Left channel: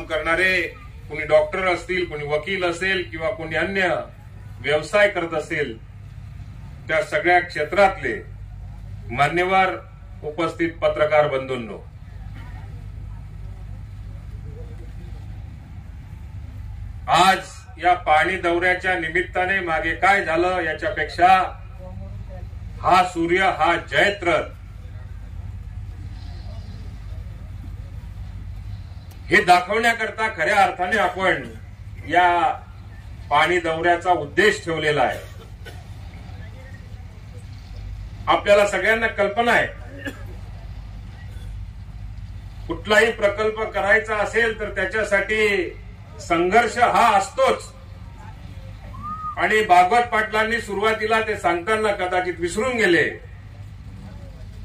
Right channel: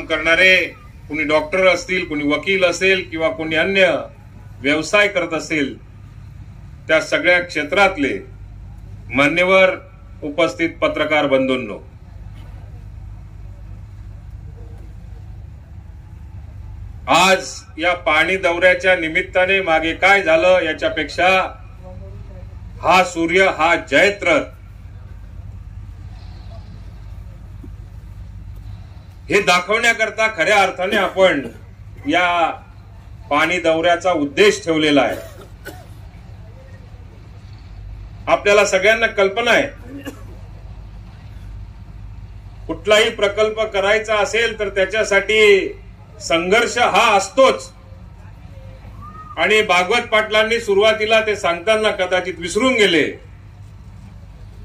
काम करणारे, कोणी डॉक्टर असतील, कोणी वकील असेल किंवा कोणी अन्य व्यवसाय करत असेल, त्या सगळ्या क्षेत्रातले मान्यवर, उपस्थित पत्रकार बंधूंनो, आज या पाणी दौऱ्याच्या निमित्ताने मागे काय झालं याच्यापेक्षा हा सूर्य, हा जयत्रथ, हे दाखवण्याकरता खऱ्या अर्थाने आपण या पाणी दौऱ्याचा उद्देश ठेवलेला आहे. आपल्याला सगळ्यांना कल्पना आहे, कुठलाही प्रकल्प करायचा असेल तर त्याच्यासाठी संघर्ष हा असतोच. आणि भागवत पाटलांनी सुरुवातीला ते सांगताना कदाचित विसरून गेले,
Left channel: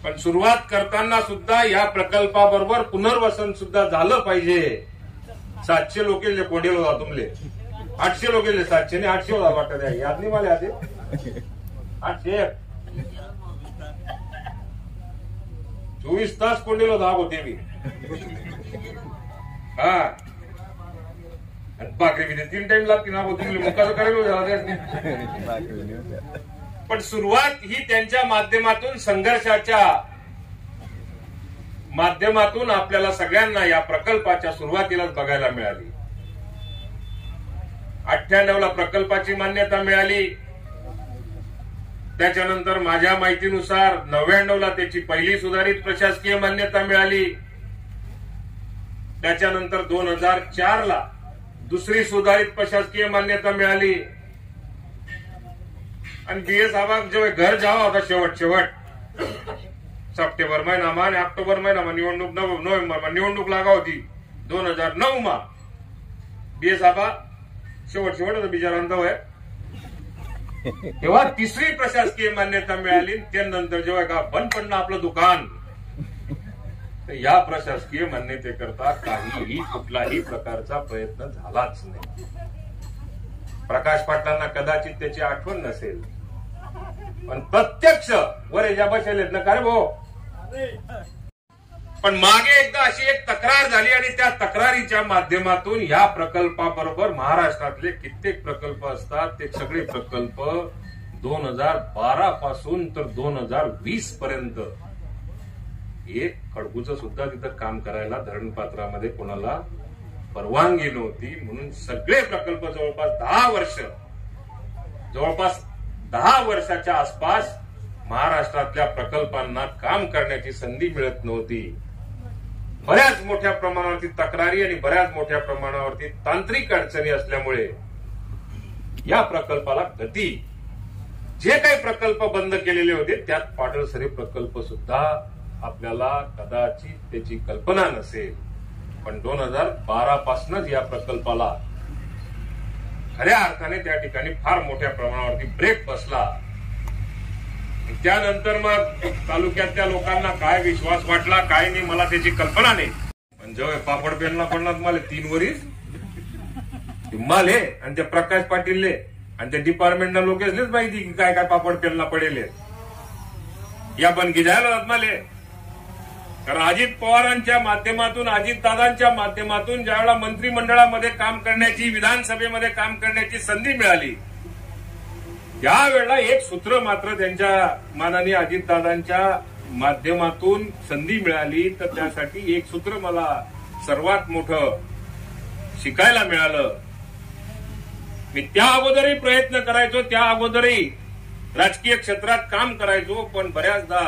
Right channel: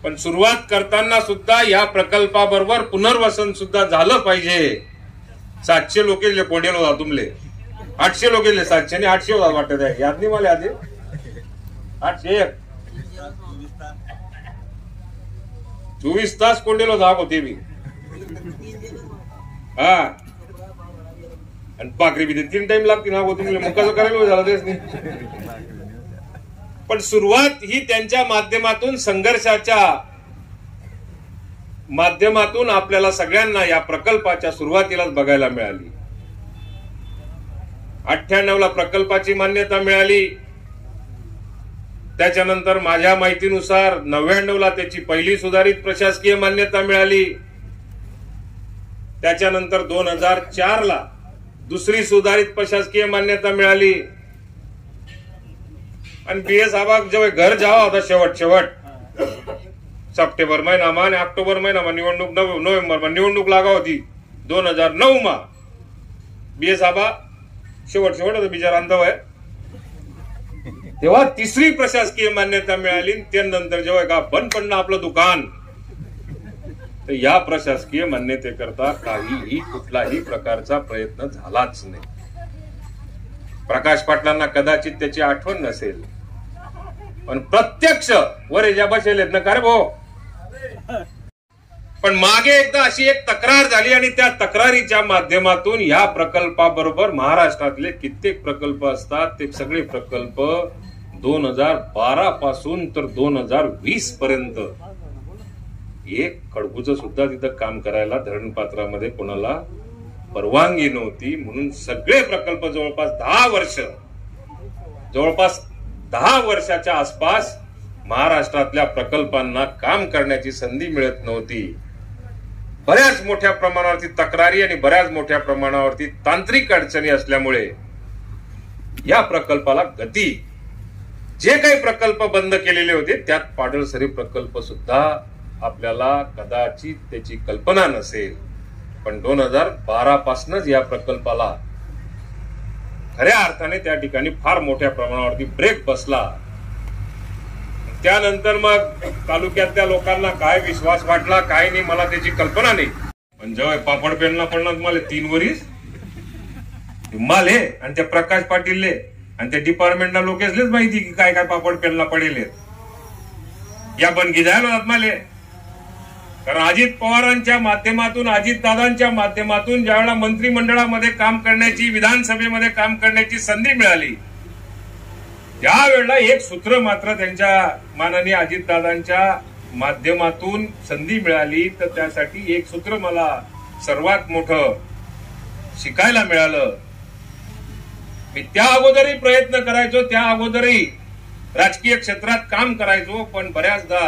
पण सुरुवात करताना सुद्धा या प्रकल्पाबरोबर पुनर्वसन सुद्धा झालं पाहिजे. 700 लोक कोडेल होता तुमले, 800 लोक 700 आणि 800 होता वाटत आहे, याद नाही मला आधी 801 24 तास कोंडेलो धाक होते मी. हा, आणि पाकरी बी 3 टाइम लागते ना होती, मुकाल करायला झाला त्याच. पण सुरुवात ही त्यांच्या माध्यमातून, संघर्षाच्या माध्यमातून आपल्याला सगळ्यांना या प्रकल्पाच्या सुरुवातीलाच बघायला मिळाली. 98 ला प्रकल्पाची मान्यता मिळाली. त्याच्यानंतर माझ्या माहितीनुसार 99 ला त्याची पहिली सुधारित प्रशासकीय मान्यता मिळाली. त्याच्यानंतर 2004 ला दुसरी सुधारित प्रशासकीय मान्यता मिळाली. आणि बीएस साहेब जेव्हा घर जावा होता शेवट सप्टेंबर महिनामा आणि ऑक्टोबर महिनामा निवडणूक, नोव्हेंबरमा निवडणूक लागा होती 2009 मा. बीएस साहेब शेवट होता बिचारा अंतवय, तेव्हा तिसरी प्रशासकीय मान्यता मिळाली. त्यानंतर जेव्हा का बंद पडणं आपलं दुकान, तर या प्रशासकीय मान्यतेकरता काहीही कुठलाही प्रकारचा प्रयत्न झालाच नाही. प्रकाश पाटलांना कदाचित त्याची आठवण नसेल, पण प्रत्यक्ष वर ज्या बसेलेत ना, का रे भाऊ, पण मागे एकदा अशी एक तक्रार झाली आणि त्या तक्रारीच्या माध्यमातून या प्रकल्पाबरोबर महाराष्ट्रातले कित्येक प्रकल्प असतात, ते सगळे प्रकल्प 2012 पासून तर 2020 पर्यंत एक खडकूचं सुद्धा तिथं काम करायला धरणपात्रामध्ये कोणाला परवानगी नव्हती. म्हणून सगळे प्रकल्प जवळपास 10 वर्षाच्या आसपास महाराष्ट्रातल्या प्रकल्पांना काम करण्याची संधी मिळत नव्हती. बऱ्याच मोठ्या प्रमाणावरती तक्रारी आणि बऱ्याच मोठ्या प्रमाणावरती तांत्रिक अडचणी असल्यामुळे या प्रकल्पाला गती, जे काही प्रकल्प बंद केलेले होते त्यात पाडळसरी प्रकल्प सुद्धा आपल्याला कदाचित त्याची कल्पना नसेल, पण 2012 पासूनच या प्रकल्पाला खऱ्या अर्थाने त्या ठिकाणी फार मोठ्या प्रमाणावरती ब्रेक बसला. त्यानंतर मग तालुक्यातल्या लोकांना काय विश्वास वाटला काय नाही मला त्याची कल्पना नाही. पण जेव्हा पापड पेनला पडणार मला 3 वरीस माले आणि त्या प्रकाश पाटीलले आणि त्या डिपार्टमेंटला लोकेसलेच माहिती की काय काय पापड पेनला पडेल या बनगी जायला माले. कारण अजित पवारांच्या माध्यमातून, अजितदादांच्या माध्यमातून ज्यावेळेला मंत्रिमंडळामध्ये काम करण्याची, विधानसभेमध्ये काम करण्याची संधी मिळाली, त्यावेळेला एक सूत्र मात्र त्यांच्या माननीय अजितदादांच्या माध्यमातून संधी मिळाली, तर त्यासाठी एक सूत्र मला सर्वात मोठं शिकायला मिळालं. मी त्या अगोदरही प्रयत्न करायचो, त्या अगोदरही राजकीय क्षेत्रात काम करायचो, पण बऱ्याचदा,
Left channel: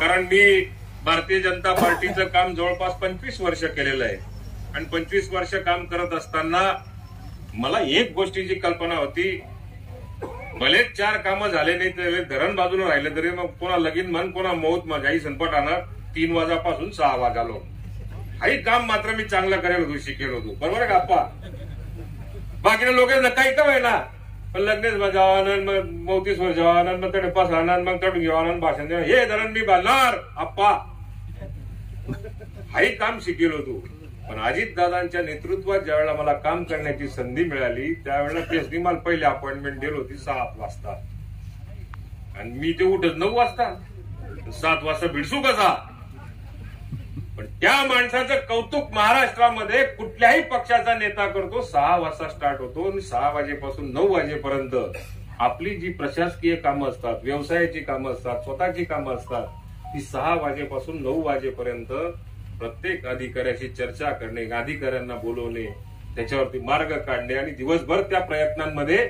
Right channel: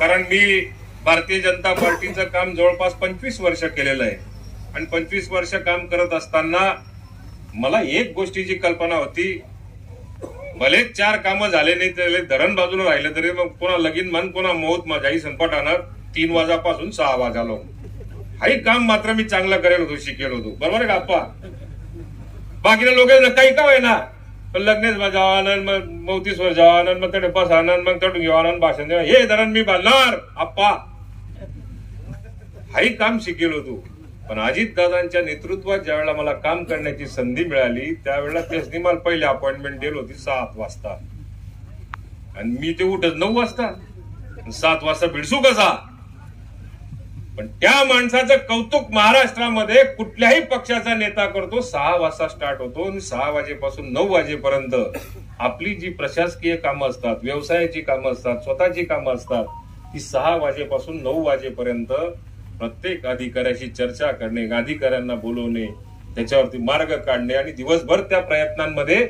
कारण मी भारतीय जनता पार्टीचं काम जवळपास 25 वर्ष केलेलं आहे आणि 25 वर्ष काम करत असताना मला एक गोष्टीची कल्पना होती, भले 4 कामं झाले नाही तरी धरण बाजूला राहिले तरी मग पुन्हा लगीन मान, पुन्हा मोहत माझ्याही संपट आणणार 3 वाजापासून 6 वाजालो. हाही काम मात्र मी चांगलं करेल होतो, शिकेल होतो, बरोबर आहे का आप्पा. बाकीचे लोक काही का होईना, पण लग्नेच जावान, मग 34 वर जावान, मग कडे पसाणार, मग तडून घेवान, भाषण द्या, हे धरण मी बांधणार आप्पा, हाही काम शिकेल होतो. पण अजितदादांच्या नेतृत्वात ज्यावेळेला मला काम करण्याची संधी मिळाली, त्यावेळेला तेच मला पहिले अपॉइंटमेंट दिली होती 7 वाजता आणि मी ते उठत 9 वाजता, 7 वाजता भिडसू कसा. पण त्या माणसाचं कौतुक महाराष्ट्रामध्ये कुठल्याही पक्षाचा नेता करतो. 6 वाजता स्टार्ट होतो आणि 6 वाजेपासून 9 वाजेपर्यंत आपली जी प्रशासकीय कामं असतात, व्यवसायाची कामं असतात, स्वतःची कामं असतात, ती 6 वाजेपासून 9 वाजेपर्यंत प्रत्येक अधिकाऱ्याशी चर्चा करणे, अधिकाऱ्यांना बोलवणे, त्याच्यावरती मार्ग काढणे आणि दिवसभर त्या प्रयत्नांमध्ये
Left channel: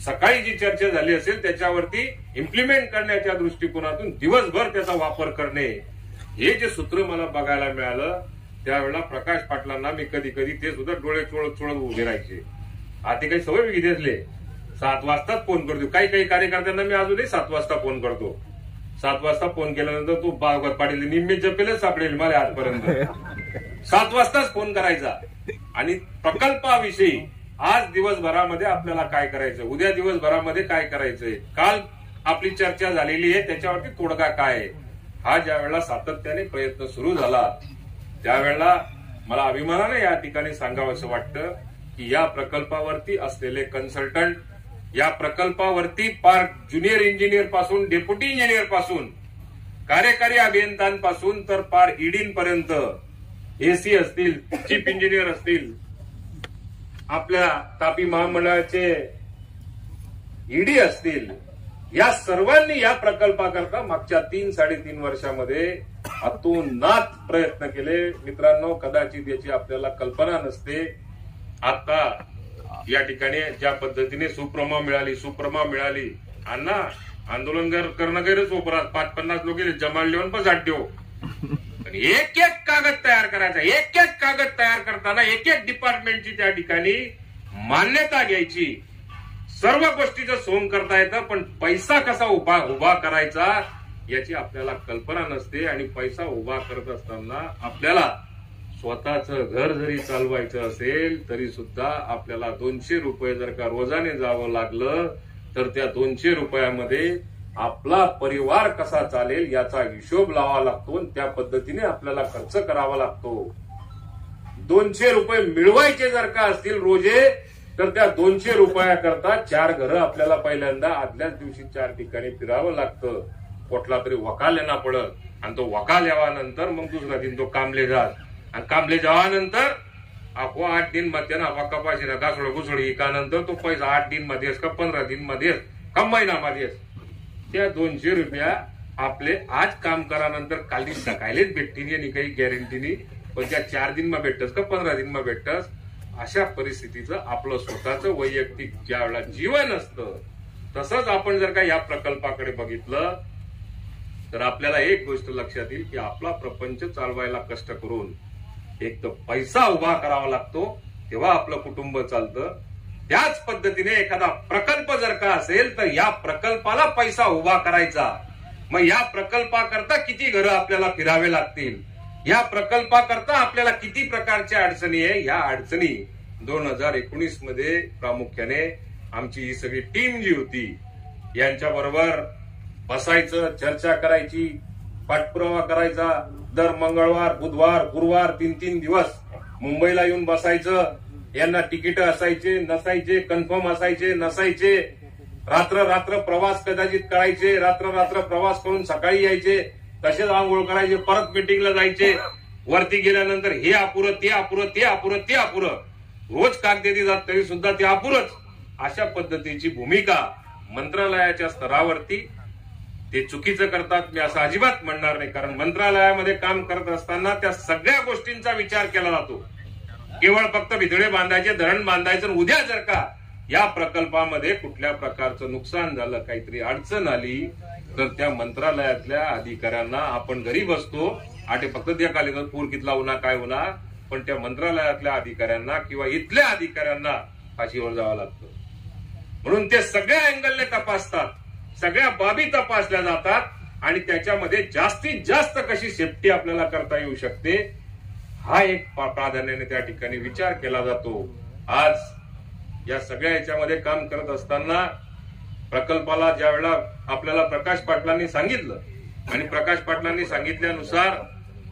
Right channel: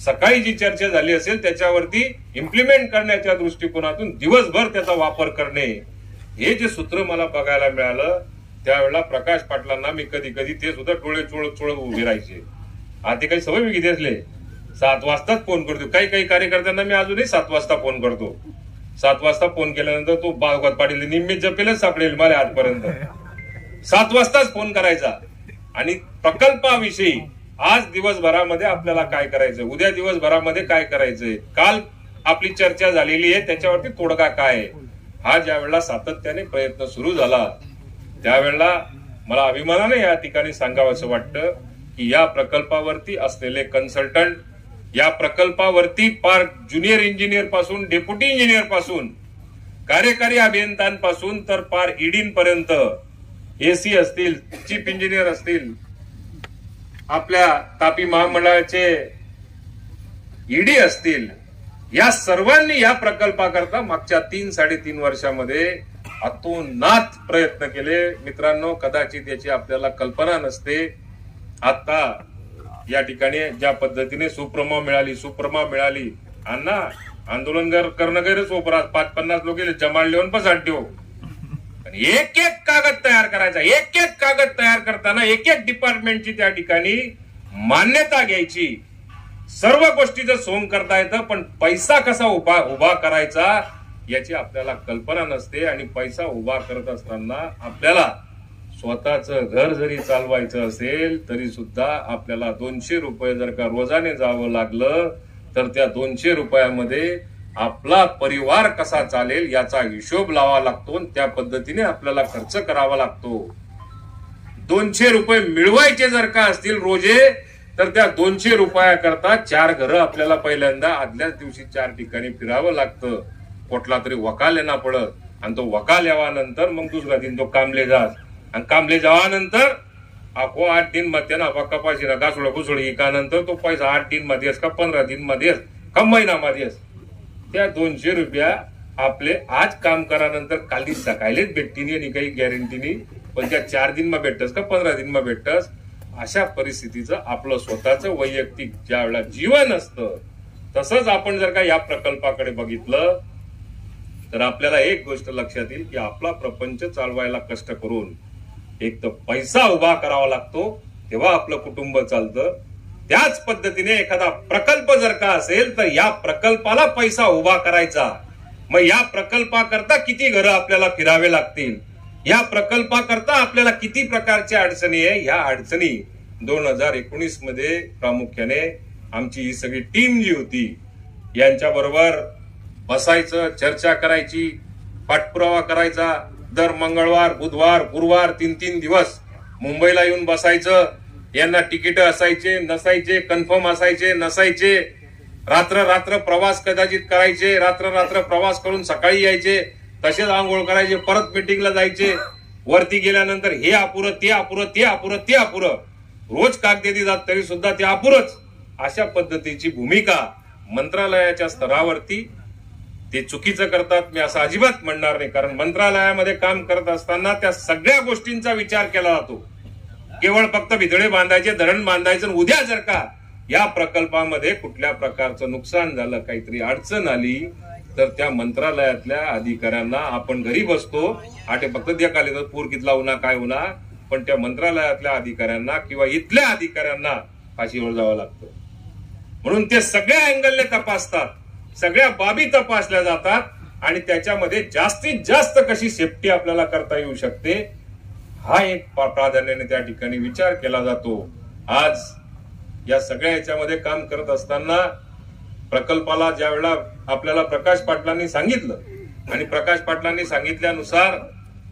सकाळी जी चर्चा झाली असेल त्याच्यावरती इम्प्लिमेंट करण्याच्या दृष्टिकोनातून दिवसभर त्याचा वापर करणे, हे जे सूत्र मला बघायला मिळालं त्यावेळेला प्रकाश पाटलांना मी कधी कधी ते सुद्धा डोळे चोळत चोळत उभे राहायचे. आता काही सवय मी किती असले 7 वाजताच फोन करतो. काही कार्यकर्त्यांना मी अजूनही 7 वाजता फोन करतो. 7 वाजता फोन केल्यानंतर तो बाळगत पाटील निम्मे जपेलच सापडेल मला आजपर्यंत. 7 वाजताच फोन करायचा आणि प्रकल्पाविषयी आज दिवसभरामध्ये आपल्याला काय करायचं, उद्या दिवसभरामध्ये काय करायचंय, काल आपली चर्चा झालेली आहे त्याच्यावरती तोडगा काय आहे, हा ज्या वेळेला सातत्याने प्रयत्न सुरू झाला त्यावेळेला मला अभिमानाने या ठिकाणी सांगावंसं वाटतं की या प्रकल्पावरती असलेले कन्सल्टंट, या प्रकल्पावरती पार ज्युनियर इंजिनियर पासून डेप्युटी इंजिनियर पासून कार्यकारी अभियंत्यांपासून तर पार ईडीन पर्यंत, एसी असतील, चीफ इंजिनियर असतील, आपल्या तापी महामंडळाचे ईडी असतील, या सर्वांनी या प्रकल्पाकरता मागच्या 3-3.5 वर्षामध्ये अतोनात प्रयत्न केले. मित्रांनो, कदाचित याची आपल्याला कल्पना नसते. आता या ठिकाणी ज्या पद्धतीने सुप्रमा मिळाली अण्णा आंदोलन करणं गैरच ओपरात 5-50 लोक जमाल लिहून पसाट देऊ. एक कागद तयार करायचा, एक कागद तयार करताना एक डिपार्टमेंटची त्या ठिकाणी मान्यता घ्यायची, सर्व गोष्टीचं सोंग करता येतं, पण पैसा कसा उभा करायचा याची आपल्याला कल्पना नसते. आणि पैसा उभा करत असताना आपल्याला स्वतःचं घर जरी चालवायचं असेल तरी सुद्धा आपल्याला 200 रुपये जर का रोजाने जावं लागलं तर त्या 200 रुपयामध्ये आपला परिवार कसा चालेल याचा हिशोब लावा लागतो, त्या पद्धतीने आपल्याला खर्च करावा लागतो. 200 रुपये मिळवायचे जर का असतील रोजे तर त्या 200 रुपयाकरता 4 घरं आपल्याला पहिल्यांदा आदल्याच दिवशी 4 ठिकाणी फिरावं लागतं. कुठला तरी वकाल येणार पडत आणि तो वकाल यावानंतर मग दुसरा दिन तो कामले जात आणि कामले जावानंतर आपो 8 दिन मध्ये ना कपाशी ना गासोड घुसोड एकानंतर तो पैसा 8 दिन मध्ये का 15 दिन मध्ये का महिनामध्ये त्या 200 रुपया आपले आज काम करानंतर काली सकाळीच भेटतीनी आणि काही गॅरंटी नाही, पण त्या 4 दिन मध्ये भेटतस का 15 दिन मध्ये भेटतस. अशा परिस्थितीचं आपलं स्वतःचं वैयक्तिक ज्या वेळेला जीवन असतं, तसंच आपण जर का या प्रकल्पाकडे बघितलं तर आपल्याला एक गोष्ट लक्षात येईल की आपला प्रपंच चालवायला कष्ट करून एक तर पैसा उभा करावा लागतो, तेव्हा आपलं कुटुंब चालतं. त्याच पद्धतीने एखादा प्रकल्प जर का असेल तर या प्रकल्पाला पैसा उभा करायचा. मग या प्रकल्पाकरता किती घरं आपल्याला फिरावे लागतील, या प्रकल्पाकरता आपल्याला किती प्रकारच्या अडचणी आहे, या अडचणी 2019 मध्ये प्रामुख्याने आमची ही सगळी टीम जी होती यांच्या बरोबर बसायचं, चर्चा करायची, पाठपुरावा करायचा. दर मंगळवार, बुधवार, गुरुवार 3-3 दिवस मुंबईला येऊन बसायचं. यांना तिकीट असायचे नसायचे, कन्फर्म असायचे नसायचे, रात्र प्रवास कदाचित करायचे, रात्र प्रवास करून सकाळी यायचे, तसेच आंघोळ करायचे, परत मीटिंगला जायचे. वरती गेल्यानंतर हे अपुरं, ते अपुरं, रोज कागदेदी जात तरी सुद्धा ते अपुरच. अशा पद्धतीची भूमिका मंत्रालयाच्या स्तरावरती ते चुकीचं करतात. मी असं अजिबात म्हणणार नाही, कारण मंत्रालयामध्ये काम करत असताना त्या सगळ्या गोष्टींचा विचार केला जातो. केवळ फक्त भितळे बांधायचे, धरण बांधायचं, उद्या जर का या प्रकल्पामध्ये कुठल्या प्रकारचं नुकसान झालं, काहीतरी अडचण आली तर त्या मंत्रालयातल्या अधिकाऱ्यांना आपण घरी बसतो आटे फक्त देखाले तर पूर कितला होणार काय होणार, पण त्या मंत्रालयातल्या अधिकाऱ्यांना किंवा इथल्या अधिकाऱ्यांना फाशीवर जावं लागतं. म्हणून ते सगळ्या अँगलने तपासतात, सगळ्या बाबी तपासल्या जातात आणि त्याच्यामध्ये जास्तीत जास्त कशी सेफ्टी आपल्याला करता येऊ शकते हा एक प्राधान्याने त्या ठिकाणी विचार केला जातो. आज या सगळ्या याच्यामध्ये काम करत असताना प्रकल्पाला ज्या वेळेला आपल्याला प्रकाश पाटलांनी सांगितलं आणि प्रकाश पाटलांनी सांगितल्यानुसार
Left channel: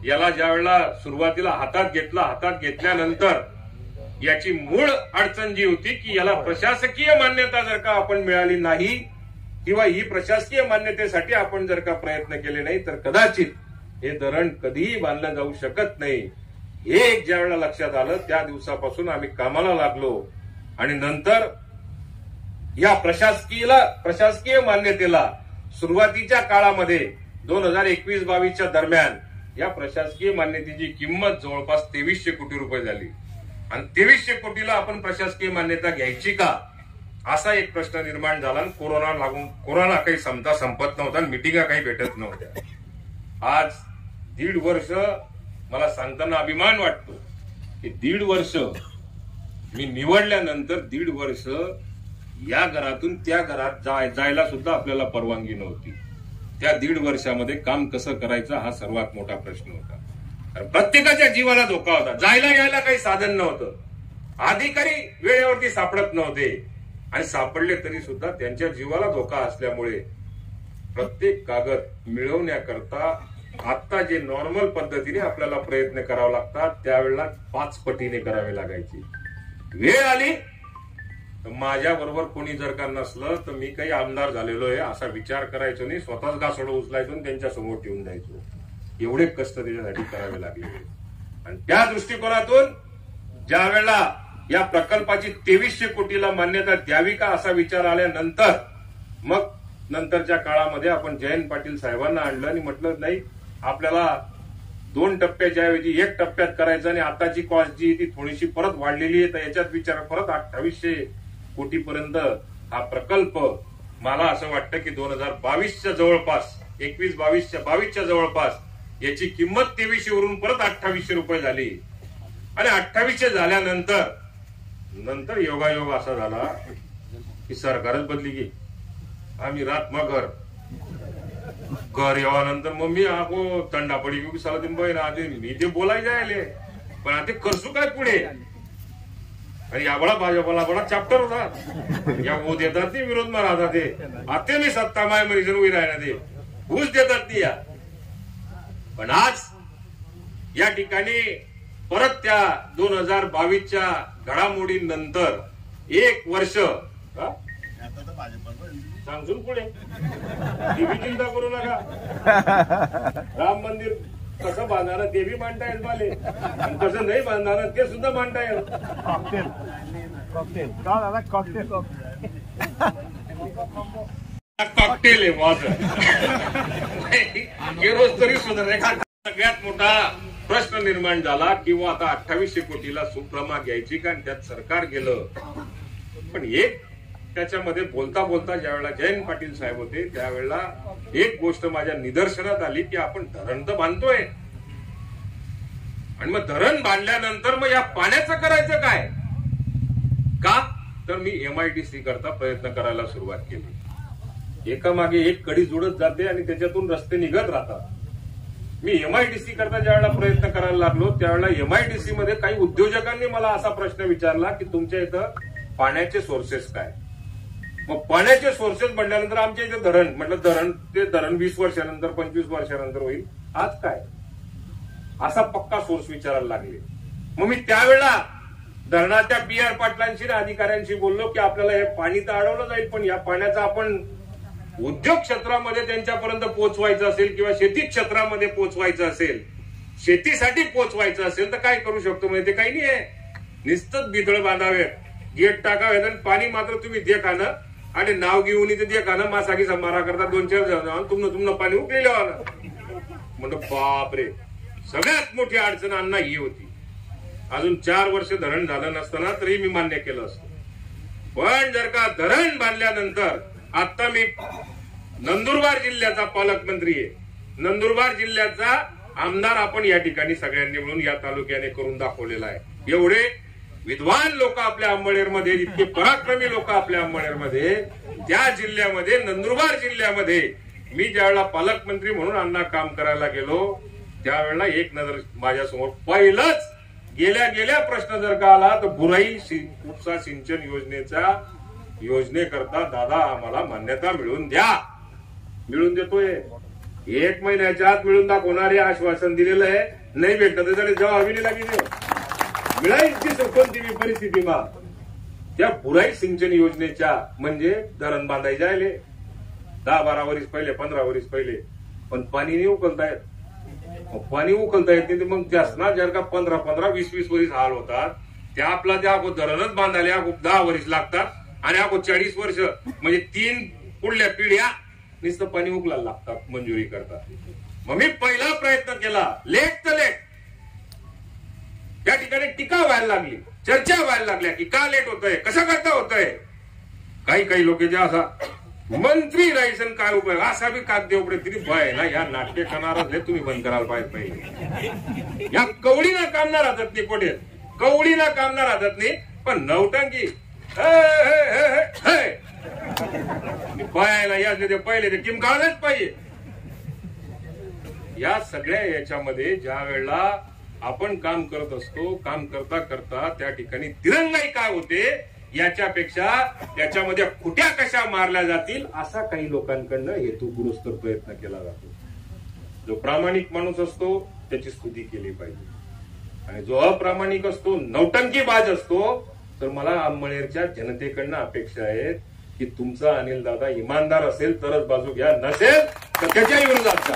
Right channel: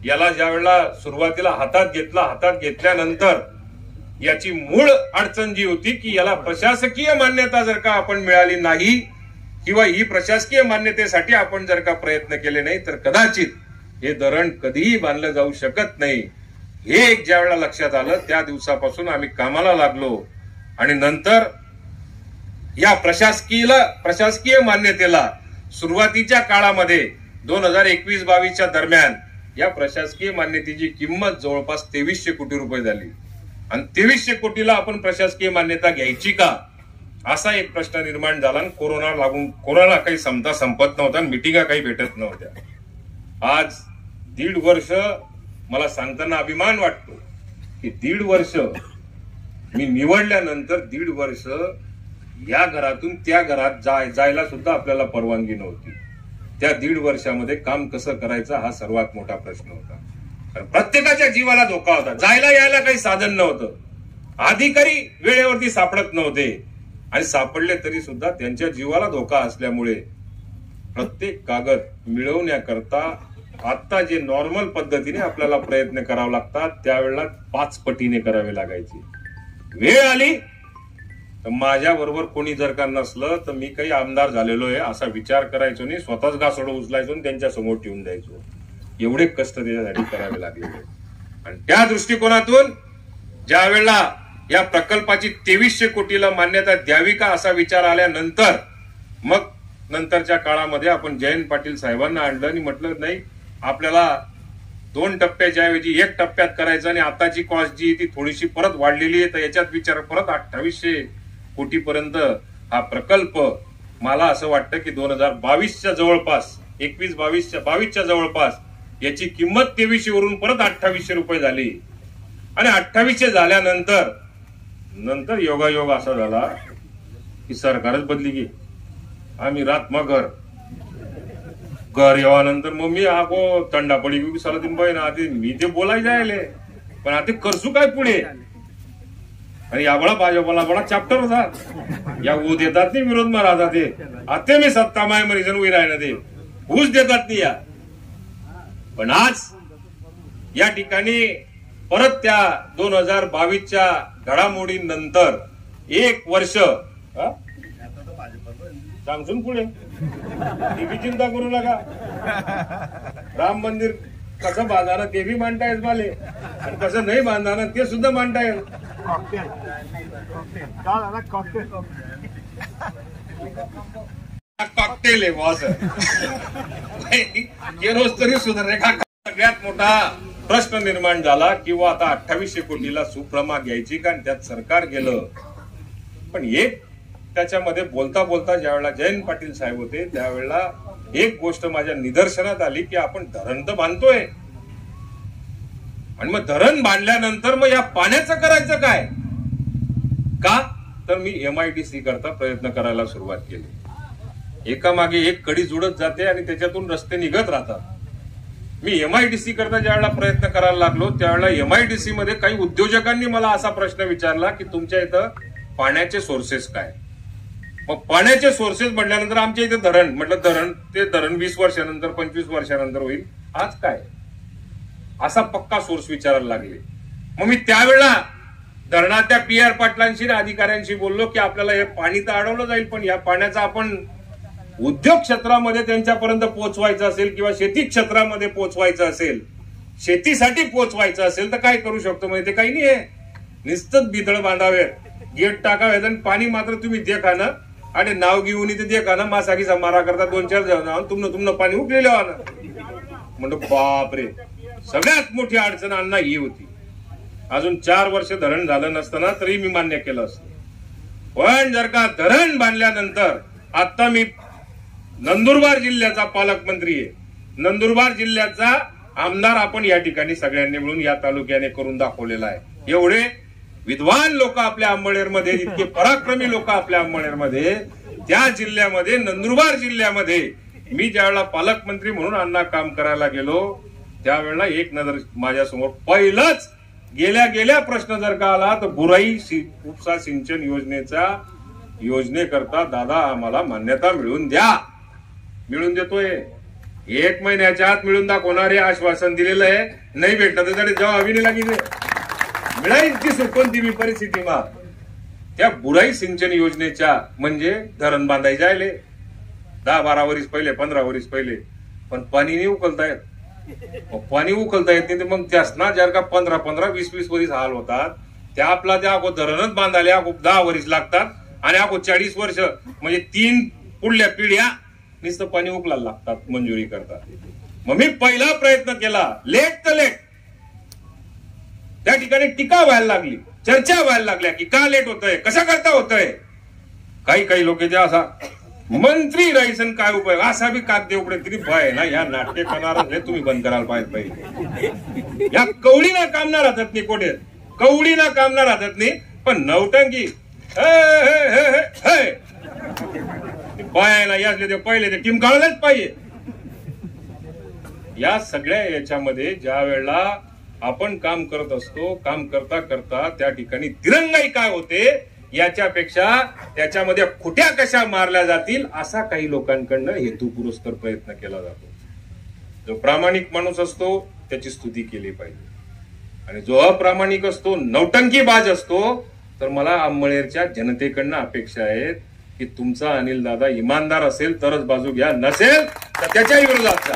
याला ज्या वेळेला सुरुवातीला हातात घेतल्यानंतर याची मूळ अडचण जी होती की याला प्रशासकीय मान्यता जर का आपण मिळाली नाही किंवा ही प्रशासकीय मान्यतेसाठी आपण जर का प्रयत्न केले नाही तर कदाचित हे धरण कधीही बांधलं जाऊ शकत नाही. हे एक ज्या वेळेला लक्षात आलं त्या दिवसापासून आम्ही कामाला लागलो आणि नंतर या प्रशासकीय मान्यतेला सुरुवातीच्या काळामध्ये 2021-22च्या दरम्यान या प्रशासकीय मान्यतेची किंमत जवळपास 2300 कोटी रुपये झाली आणि 2300 कोटीला आपण प्रशासकीय मान्यता घ्यायची का असा एक प्रश्न निर्माण झाला. कोरोना काही संपत नव्हता आणि मिटिंगा काही भेटत नव्हत्या. आज 1.5 वर्ष मला सांगताना अभिमान वाटतो की 1.5 वर्ष मी निवडल्यानंतर 1.5 वर्ष या घरातून त्या घरात जायला सुद्धा आपल्याला परवानगी नव्हती. त्या 1.5 वर्षामध्ये काम कसं करायचं हा सर्वात मोठा प्रश्न होता. कारण प्रत्येकाच्या जीवाला धोका होता. जायला यायला काही साधन नव्हतं. अधिकारी वेळेवरती सापडत नव्हते आणि सापडले तरी सुद्धा त्यांच्या जीवाला धोका असल्यामुळे प्रत्येक कागद मिळवण्याकरता आता जे नॉर्मल पद्धतीने आपल्याला प्रयत्न करावे लागतात त्यावेळेला 5 पटीने करावे लागायचे. वेळ आली तर माझ्या बरोबर कोणी जर का नसलं तर मी काही आमदार झालेलो आहे असा विचार करायचो नाही. स्वतःच घासोडं उचलायचो आणि त्यांच्या समोर ठेवून द्यायचो. एवढे कष्ट त्याच्यासाठी करावे लागलेले. आणि त्या दृष्टिकोनातून ज्या वेळेला या प्रकल्पाची 2300 कोटीला मान्यता द्यावी का असा विचार आल्यानंतर मग नंतरच्या काळामध्ये आपण जयंत पाटील साहेबांना आणलं आणि म्हटलं नाही आपल्याला 2 टप्प्याच्या ऐवजी 1 टप्प्यात करायचं आणि आताची कॉस्ट जी ती थोडीशी परत वाढलेली आहे तर याच्यात विचार परत 2800 कोटीपर्यंत हा प्रकल्प मला असं वाटतं की 2022च्या जवळपास 22च्या जवळपास याची किंमत 2300 वरून परत 2800 रुपये झाली. आणि 2800 झाल्यानंतर योगायोग असा झाला की सरकारच बदली की आम्ही रात मग घर येवानंतर मग मी आगो कंडा पडी की सला दिन बहीण आधी मी ते बोलायचं आहे पण आता करसू काय पुढे. आणि याबळा भाजपला बडा चॅप्टर होता या ऊ देतात नाही विरोध मा राहतात ते आता मी सत्ता माय मरीजन उभी राहिना ते ऊस देतात नाही या. पण आज या ठिकाणी परत त्या 2022च्या घडामोडीनंतर 1 वर्ष सांगून पुढे टीव्ही चिंता करू नका. राम मंदिर कसं बांधणार ते बी मांडता येईल माले आणि कसं नाही बांधणार ते सुद्धा मांडता येईल. कॉकटेल आहे हे रोज तरी सुधारणे. सगळ्यात मोठा प्रश्न निर्माण झाला किंवा आता 2800 कोटीला सुप्रमा घ्यायची का त्यात सरकार गेलं. पण एक त्याच्यामध्ये बोलता बोलता ज्यावेळेला जयंत पाटील साहेब होते त्यावेळेला एक गोष्ट माझ्या निदर्शनात आली की आपण धरण तर बांधतोय आणि मग धरण बांधल्यानंतर मग या पाण्याचं करायचं काय का तर मी MIDC करता प्रयत्न करायला सुरुवात केली. एकामागे एक कडी जुळत जाते आणि त्याच्यातून रस्ते निघत राहतात. मी MIDC करता ज्यावेळेला प्रयत्न करायला लागलो त्यावेळेला MIDC मध्ये काही उद्योजकांनी मला असा प्रश्न विचारला की तुमच्या इथं पाण्याचे सोर्सेस काय. मग पाण्याचे सोर्सेस म्हटल्यानंतर आमच्या इथे धरण म्हटलं ते धरण 20 वर्षानंतर 25 वर्षानंतर होईल. आज काय असा पक्का सोर्स विचारायला लागले. मग मी त्यावेळेला धरणाच्या PR पाटलांशी अधिकाऱ्यांशी बोललो की आपल्याला हे पाणी तर अडवलं जाईल पण या पाण्याचा आपण उद्योग क्षेत्रामध्ये त्यांच्यापर्यंत पोहोचवायचं असेल किंवा शेती क्षेत्रामध्ये पोहोचवायचं असेल शेतीसाठी पोहोचवायचं असेल तर काय करू शकतो म्हणजे ते काही नाही आहे. नुसतंच बिथळ बांधावे गेट टाकावे आणि पाणी मात्र तुम्ही देखा ना आणि नाव घेऊन इथे देखा ना मासागी मारा करता 2-4 जण तुमनं पाणी उकलेलं म्हणतो बापरे. सगळ्यात मोठी अडचण अण्णा ही होती. अजून 4 वर्ष धरण झालं नसताना तरी मी मान्य केलं असतं. पण जर का धरण बांधल्यानंतर आता मी नंदुरबार जिल्ह्याचा पालकमंत्री आहे. नंदुरबार जिल्ह्याचा आमदार आपण या ठिकाणी सगळ्यांनी मिळून या तालुक्याने करून दाखवलेला आहे. एवढे विद्वान लोक आपल्या अंबळनेरमध्ये इतके पराक्रमी लोक आपल्या अंबळनेरमध्ये त्या जिल्ह्यामध्ये नंदुरबार जिल्ह्यामध्ये मी ज्यावेळेला पालकमंत्री म्हणून अण्णा काम करायला गेलो त्यावेळेला एक नजर माझ्यासमोर पहिलाच गेल्या प्रश्न जर का आला तर बुराई उपसा सिंचन योजनेकरता दादा आम्हाला मान्यता मिळवून द्या. मिळून देतोय 1 महिन्याच्या आत मिळून दाखवणारे आश्वासन दिलेलं आहे. नाही भेटलं तर जेव्हा अभिनय लागेल मिळाली ती सुटून ती परिस्थिती मा त्या बुराई सिंचन योजनेच्या म्हणजे धरण बांधायचे आले 10-12 वर्ष पहिले 15 वर्ष पहिले पण पाणी नाही उकलतायत. पाणी उकलता येत नाही, तर मग त्यासना जर का 15-15, 20-20 वर्ष हाल होतात, त्या आपला त्या धरणच बांधायला 10 वर्ष लागतात आणि 40 वर्ष म्हणजे 3 पुढल्या पिढ्या नुसतं पाणी उकलायला लागतात मंजुरी करतात. मग मी पहिला प्रयत्न केला, लेट तर लेट. त्या ठिकाणी टीका व्हायला लागली, चर्चा व्हायला लागल्या की का लेट होतंय, कशा करता होतंय. काही लोक जे असा मंत्री राहायचं काय उपयोग, असा बी कागदे उघडे तरी भय ना. या नाट्य करणारा तुम्ही बंद करायला पाहिजे. या कवडीना कामना राहतात नाही, कोठे कवडीना कामना राहतात नाही, पण नवटंकी बायाला यातले ते पहिले ते किमकाळलंच पाहिजे. या सगळ्या याच्यामध्ये ज्या वेळेला आपण काम करत असतो, काम करता करता त्या ठिकाणी दिरंगाई काय होते याच्यापेक्षा त्याच्यामध्ये खुट्या कशा मारल्या जातील असा काही लोकांकडनं हेतुपुरस्सर प्रयत्न केला जातो. जो प्रामाणिक माणूस असतो त्याची स्तुती केली पाहिजे, आणि जो अप्रामाणिक असतो, नौटंकीबाज असतो, तर मला अंमळनेरच्या जनतेकडनं अपेक्षा आहेत की तुमचा अनिल दादा इमानदार असेल तरच बाजू घ्या, नसेल तर त्याच्याही विरोधात जा.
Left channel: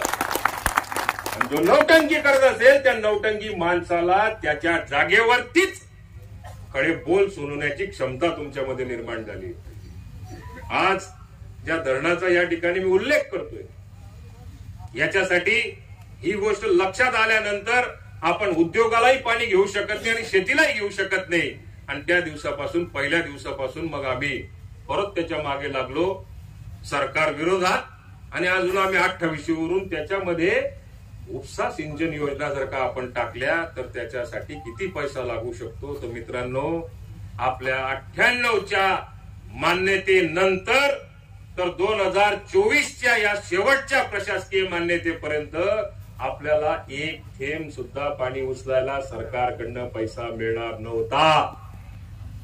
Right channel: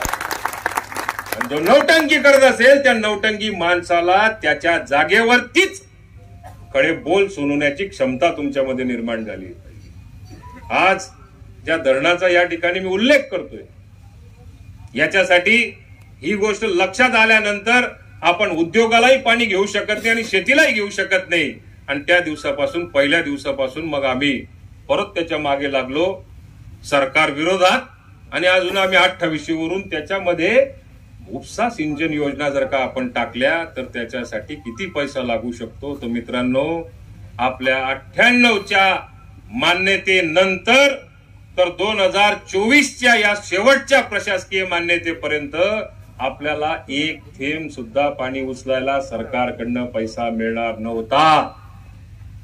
जो नौटंकी करत असेल त्या नौटंकी माणसाला त्याच्या जागेवरतीच कडे बोल सुनवण्याची क्षमता तुमच्यामध्ये निर्माण झाली. आज ज्या धरणाचा या ठिकाणी मी उल्लेख करतोय, याच्यासाठी ही गोष्ट लक्षात आल्यानंतर आपण उद्योगालाही पाणी घेऊ शकत नाही आणि शेतीलाही घेऊ शकत नाही. आणि त्या दिवसापासून, पहिल्या दिवसापासून मग आम्ही परत त्याच्या मागे लागलो सरकार विरोधात, आणि अजून आम्ही 28 वरून त्याच्यामध्ये उपसा सिंचन योजना जर का आपण टाकल्या तर त्याच्यासाठी किती पैसा लागू शकतो. तर मित्रांनो, आपल्या 98च्या मान्यतेनंतर तर 2024च्या या शेवटच्या प्रशासकीय मान्यतेपर्यंत आपल्याला एक थेंब सुद्धा पाणी उचलायला सरकारकडनं पैसा मिळणार नव्हता.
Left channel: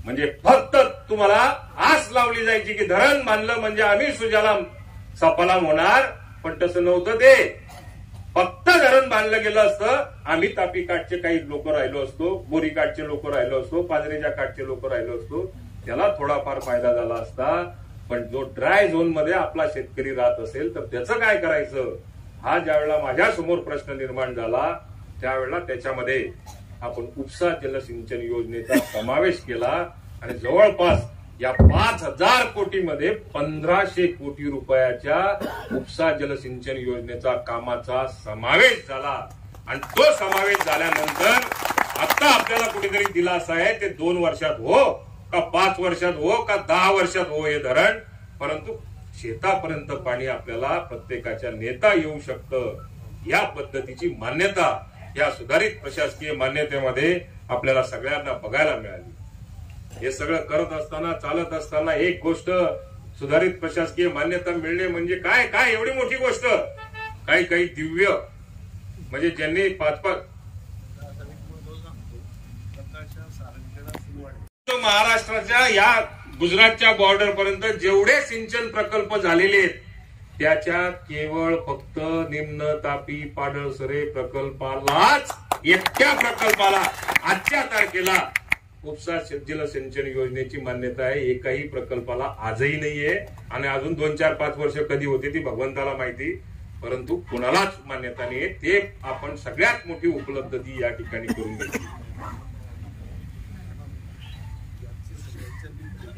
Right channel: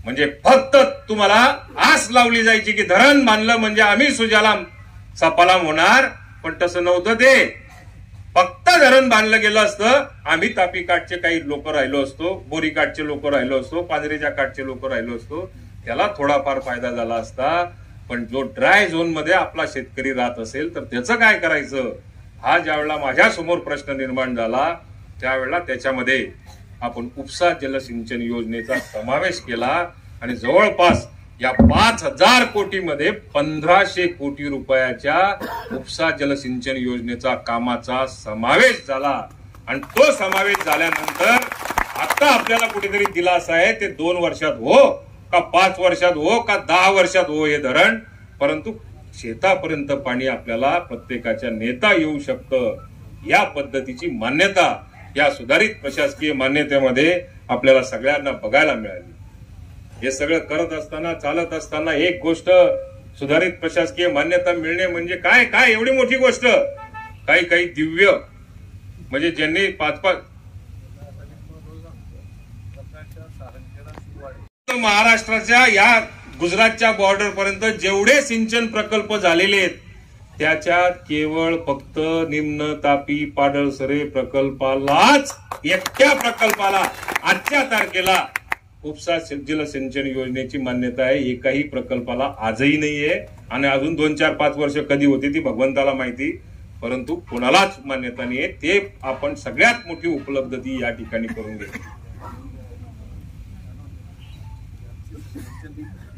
म्हणजे फक्त तुम्हाला आस लावली जायची की धरण बांधलं म्हणजे आम्ही सुजलाम सफलाम होणार, पण तसं नव्हतं. ते फक्त धरण बांधलं गेलं असतं, आम्ही तापी काठचे काही लोक राहिलो असतो, बोरी काठचे लोक राहिलो असतो, पांजरेच्या काठचे लोक राहिलो असतो, त्याला थोडाफार फायदा झाला असता. पण जो ड्राय झोन मध्ये आपला शेतकरी राहत असेल तर त्याचं काय करायचं, हा ज्यावेळेला माझ्या समोर प्रश्न निर्माण झाला त्यावेळेला त्याच्यामध्ये आपण उपसा जलसिंचन योजनेचा समावेश केला, आणि जवळपास या 5,000 कोटीमध्ये 1,500 कोटी रुपयाच्या उपसा जलसिंचन योजनेचा कामाचा समावेश झाला. आणि तो समावेश झाल्यानंतर आता आपल्याला कुठेतरी दिलासा आहे. ते 2 वर्षात हो का 5 वर्षात हो का 10 वर्षात हो हे धरण, परंतु शेतापर्यंत पाणी आपल्याला प्रत्येकाच्या नेता येऊ शकतं. या पद्धतीची मान्यता या सुधारित प्रशासकीय मान्यतेमध्ये आपल्याला सगळ्यांना बघायला मिळाली. हे सगळं करत असताना, चालत असताना एक गोष्ट, सुधारित प्रशासकीय मान्यता मिळणे म्हणजे काय काय एवढी मोठी गोष्ट. काही दिव्य म्हणजे ज्यांनी 5-5 महाराष्ट्राच्या या गुजरातच्या बॉर्डर पर्यंत जेवढे सिंचन प्रकल्प झालेले आहेत त्याच्यात केवळ फक्त निम्न तापी पाडळसरे प्रकल्पालाच, एकट्या प्रकल्पाला आजच्या तारखेला उपसा जलसिंचन योजनेची मान्यता आहे. एकाही प्रकल्पाला आजही नाहीये, आणि अजून 2, 4, 5 वर्ष कधी होती ती भगवंताला माहिती, परंतु कोणालाच मान्यता नाहीये. ते आपण सगळ्यात मोठी उपलब्धी या ठिकाणी करून घेतली.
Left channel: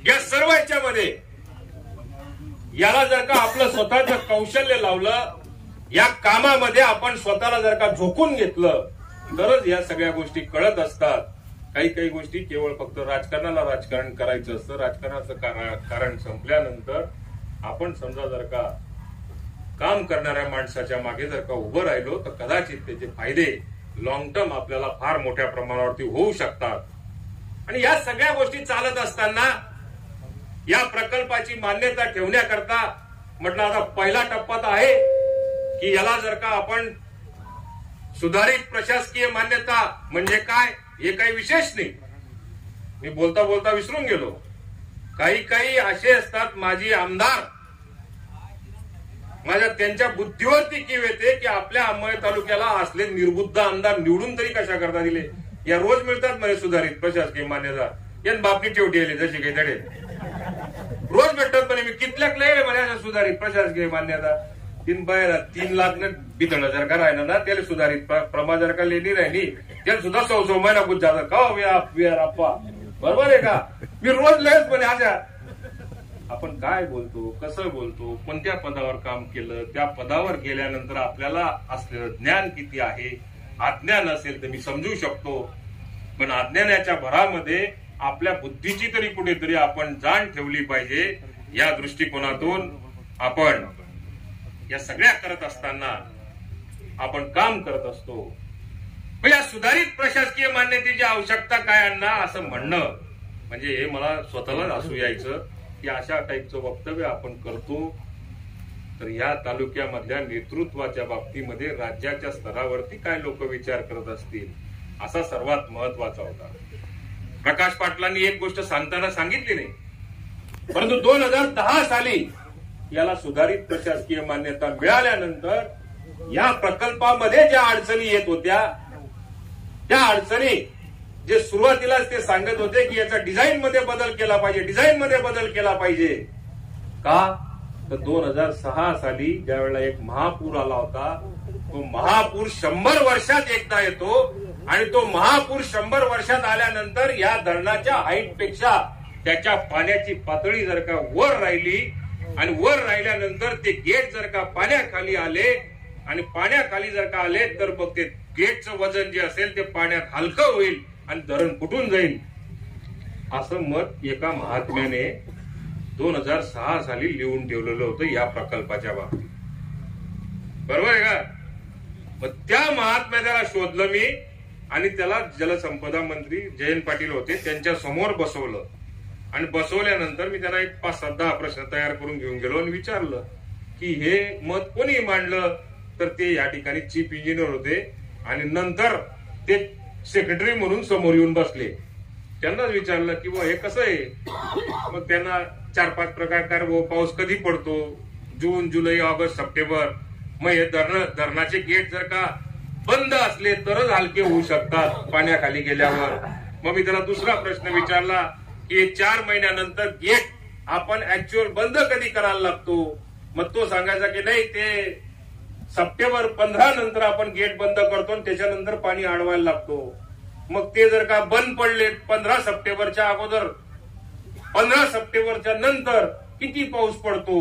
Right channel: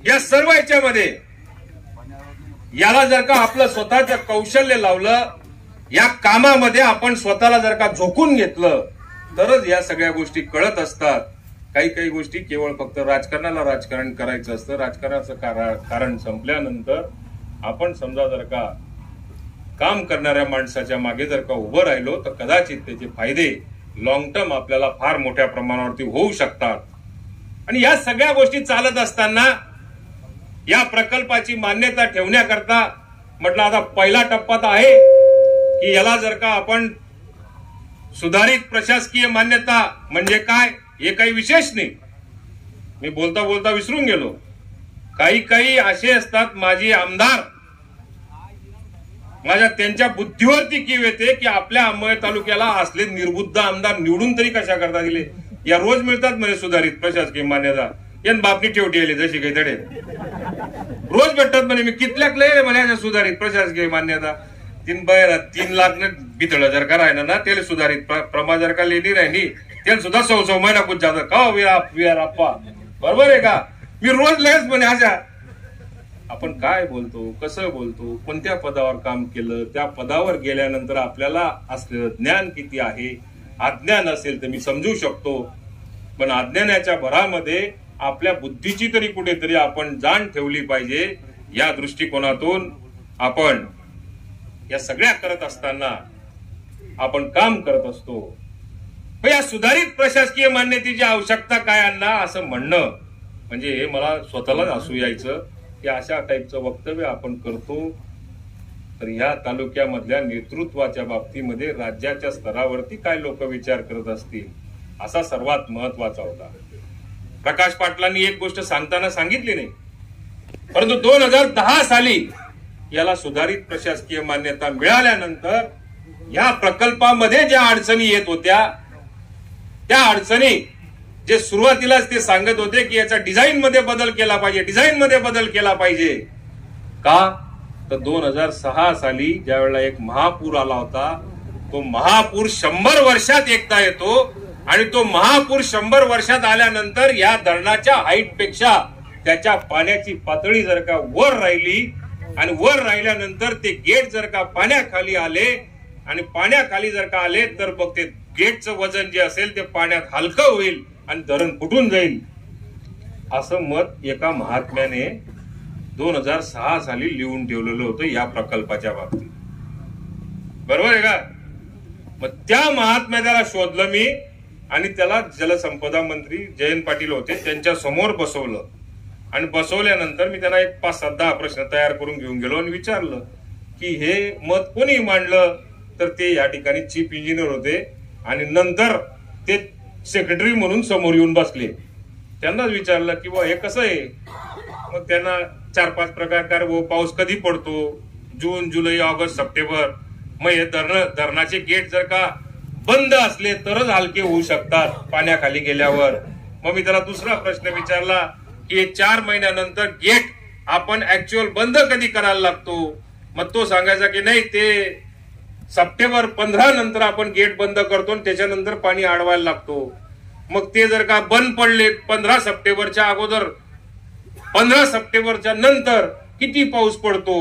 या सर्व याच्यामध्ये याला जर का आपलं स्वतःचं कौशल्य लावलं, या कामामध्ये आपण स्वतःला जर का झोकून घेतलं तरच या सगळ्या गोष्टी कळत असतात. काही गोष्टी केवळ फक्त राजकारणाला राजकारण करायचं असतं. राजकारणाचं कारण संपल्यानंतर आपण समजा जर का काम करणाऱ्या माणसाच्या मागे जर का उभं राहिलो तर कदाचित त्याचे फायदे लॉंग टर्म आपल्याला फार मोठ्या प्रमाणावरती होऊ शकतात. आणि या सगळ्या गोष्टी चालत असताना या प्रकल्पाची मान्यता ठेवण्याकरता म्हटलं आता पहिला टप्पा तर आहे की याला जर का आपण सुधारित प्रशासकीय मान्यता म्हणजे काय हे काही विशेष नाही. मी बोलता बोलता विसरून गेलो. काही असे असतात माजी आमदार, माझ्या त्यांच्या बुद्धीवरती कीव येते की आपल्या अंबळनेर तालुक्याला असले निर्बुद्ध आमदार निवडून तरी कशा करता दिले. या रोज मिळतात म्हणजे सुधारित प्रशासकीय मान्यता, यान बापनी ठेवटी आली जशी काही तडे रोज भेटतात म्हणे. मी कितल्याक लय म्हणे सुधारित प्रशासकीय मान्यता. तीन लाख न बितळ जर का राहिलं ना त्याला सुधारित प्रमा जर का लेणी राहिली त्याला सुद्धा 100 महिना कुछ जात का अप्पा बरोबर आहे का. मी रोज लगेच म्हणे अशा आपण काय बोलतो, कसं बोलतो, कोणत्या पदावर काम केलं, त्या पदावर गेल्यानंतर आपल्याला असलेलं ज्ञान किती आहे. अज्ञान असेल तर मी समजू शकतो, पण अज्ञानाच्या भरामध्ये आपल्या बुद्धीची तरी कुठेतरी आपण जाण ठेवली पाहिजे. या दृष्टिकोनातून आपण या सगळ्या करत असताना आपण काम करत असतो. या सुधारित प्रशासकीय मान्यतेची आवश्यकता काय अण्णा असं म्हणणं म्हणजे हे मला स्वतःलाच हसू यायचं की अशा टाईपचं वक्तव्य आपण करतो. तर ह्या तालुक्यामधल्या नेतृत्वाच्या बाबतीमध्ये राज्याच्या स्तरावरती काय लोक विचार करत असतील असा सर्वात महत्वाचा होता. प्रकाश पाटलांनी एक गोष्ट सांगताना सांगितली नाही, परंतु 2010 साली याला सुधारित प्रशासकीय मान्यता मिळाल्यानंतर या प्रकल्पामध्ये ज्या अडचणी येत होत्या त्या अडचणी जे सुरुवातीलाच ते सांगत होते की याचा डिझाईन मध्ये बदल केला पाहिजे, डिझाईन मध्ये बदल केला पाहिजे. का तर 2006 साली ज्या वेळेला एक महापूर आला होता, तो महापूर 100 वर्षात एकदा येतो आणि तो महापूर 100 वर्षात आल्यानंतर या धरणाच्या हाईट पेक्षा त्याच्या पाण्याची पातळी जर का वर राहिली आणि वर राहिल्यानंतर ते गेट जर का पाण्याखाली आले आणि पाण्याखाली जर का आले तर मग ते गेटचं वजन जे असेल ते पाण्यात हलकं होईल आणि धरण फुटून जाईल असं मत एका महात्म्याने 2006 साली लिहून ठेवलेलं होतं या प्रकल्पाच्या बाबतीत. बरोबर आहे का. मग त्या महात्म्याला शोधलं मी आणि त्याला जलसंपदा मंत्री जयंत पाटील होते त्यांच्या समोर बसवलं आणि बसवल्यानंतर मी त्याला एक 5-10 प्रश्न तयार करून घेऊन गेलो आणि विचारलं की हे मत कोणी मांडलं. तर ते या ठिकाणी चीफ इंजिनियर होते आणि नंतर ते सेक्रेटरी म्हणून समोर येऊन बसले. त्यांनाच विचारलं की हे कसं आहे. मग त्यांना 4-5 प्रकार पाऊस कधी पडतो, जून, जुलै, ऑगस्ट, सप्टेंबर. मग हे धरणाचे गेट जर का बंद असले तरच हलके होऊ शकतात पाण्याखाली गेल्यावर. मग मी त्याला दुसरा प्रश्न विचारला की 4 महिन्यानंतर गेट आपण ऍक्च्युअल बंद कधी करायला लागतो. मग तो सांगायचा की नाही ते सप्टेंबर 15 नंतर आपण गेट बंद करतो आणि त्याच्यानंतर पाणी अडवायला लागतो. मग ते जर का बंद पडले 15 सप्टेंबरच्या अगोदर 15 सप्टेंबरच्या नंतर किती पाऊस पडतो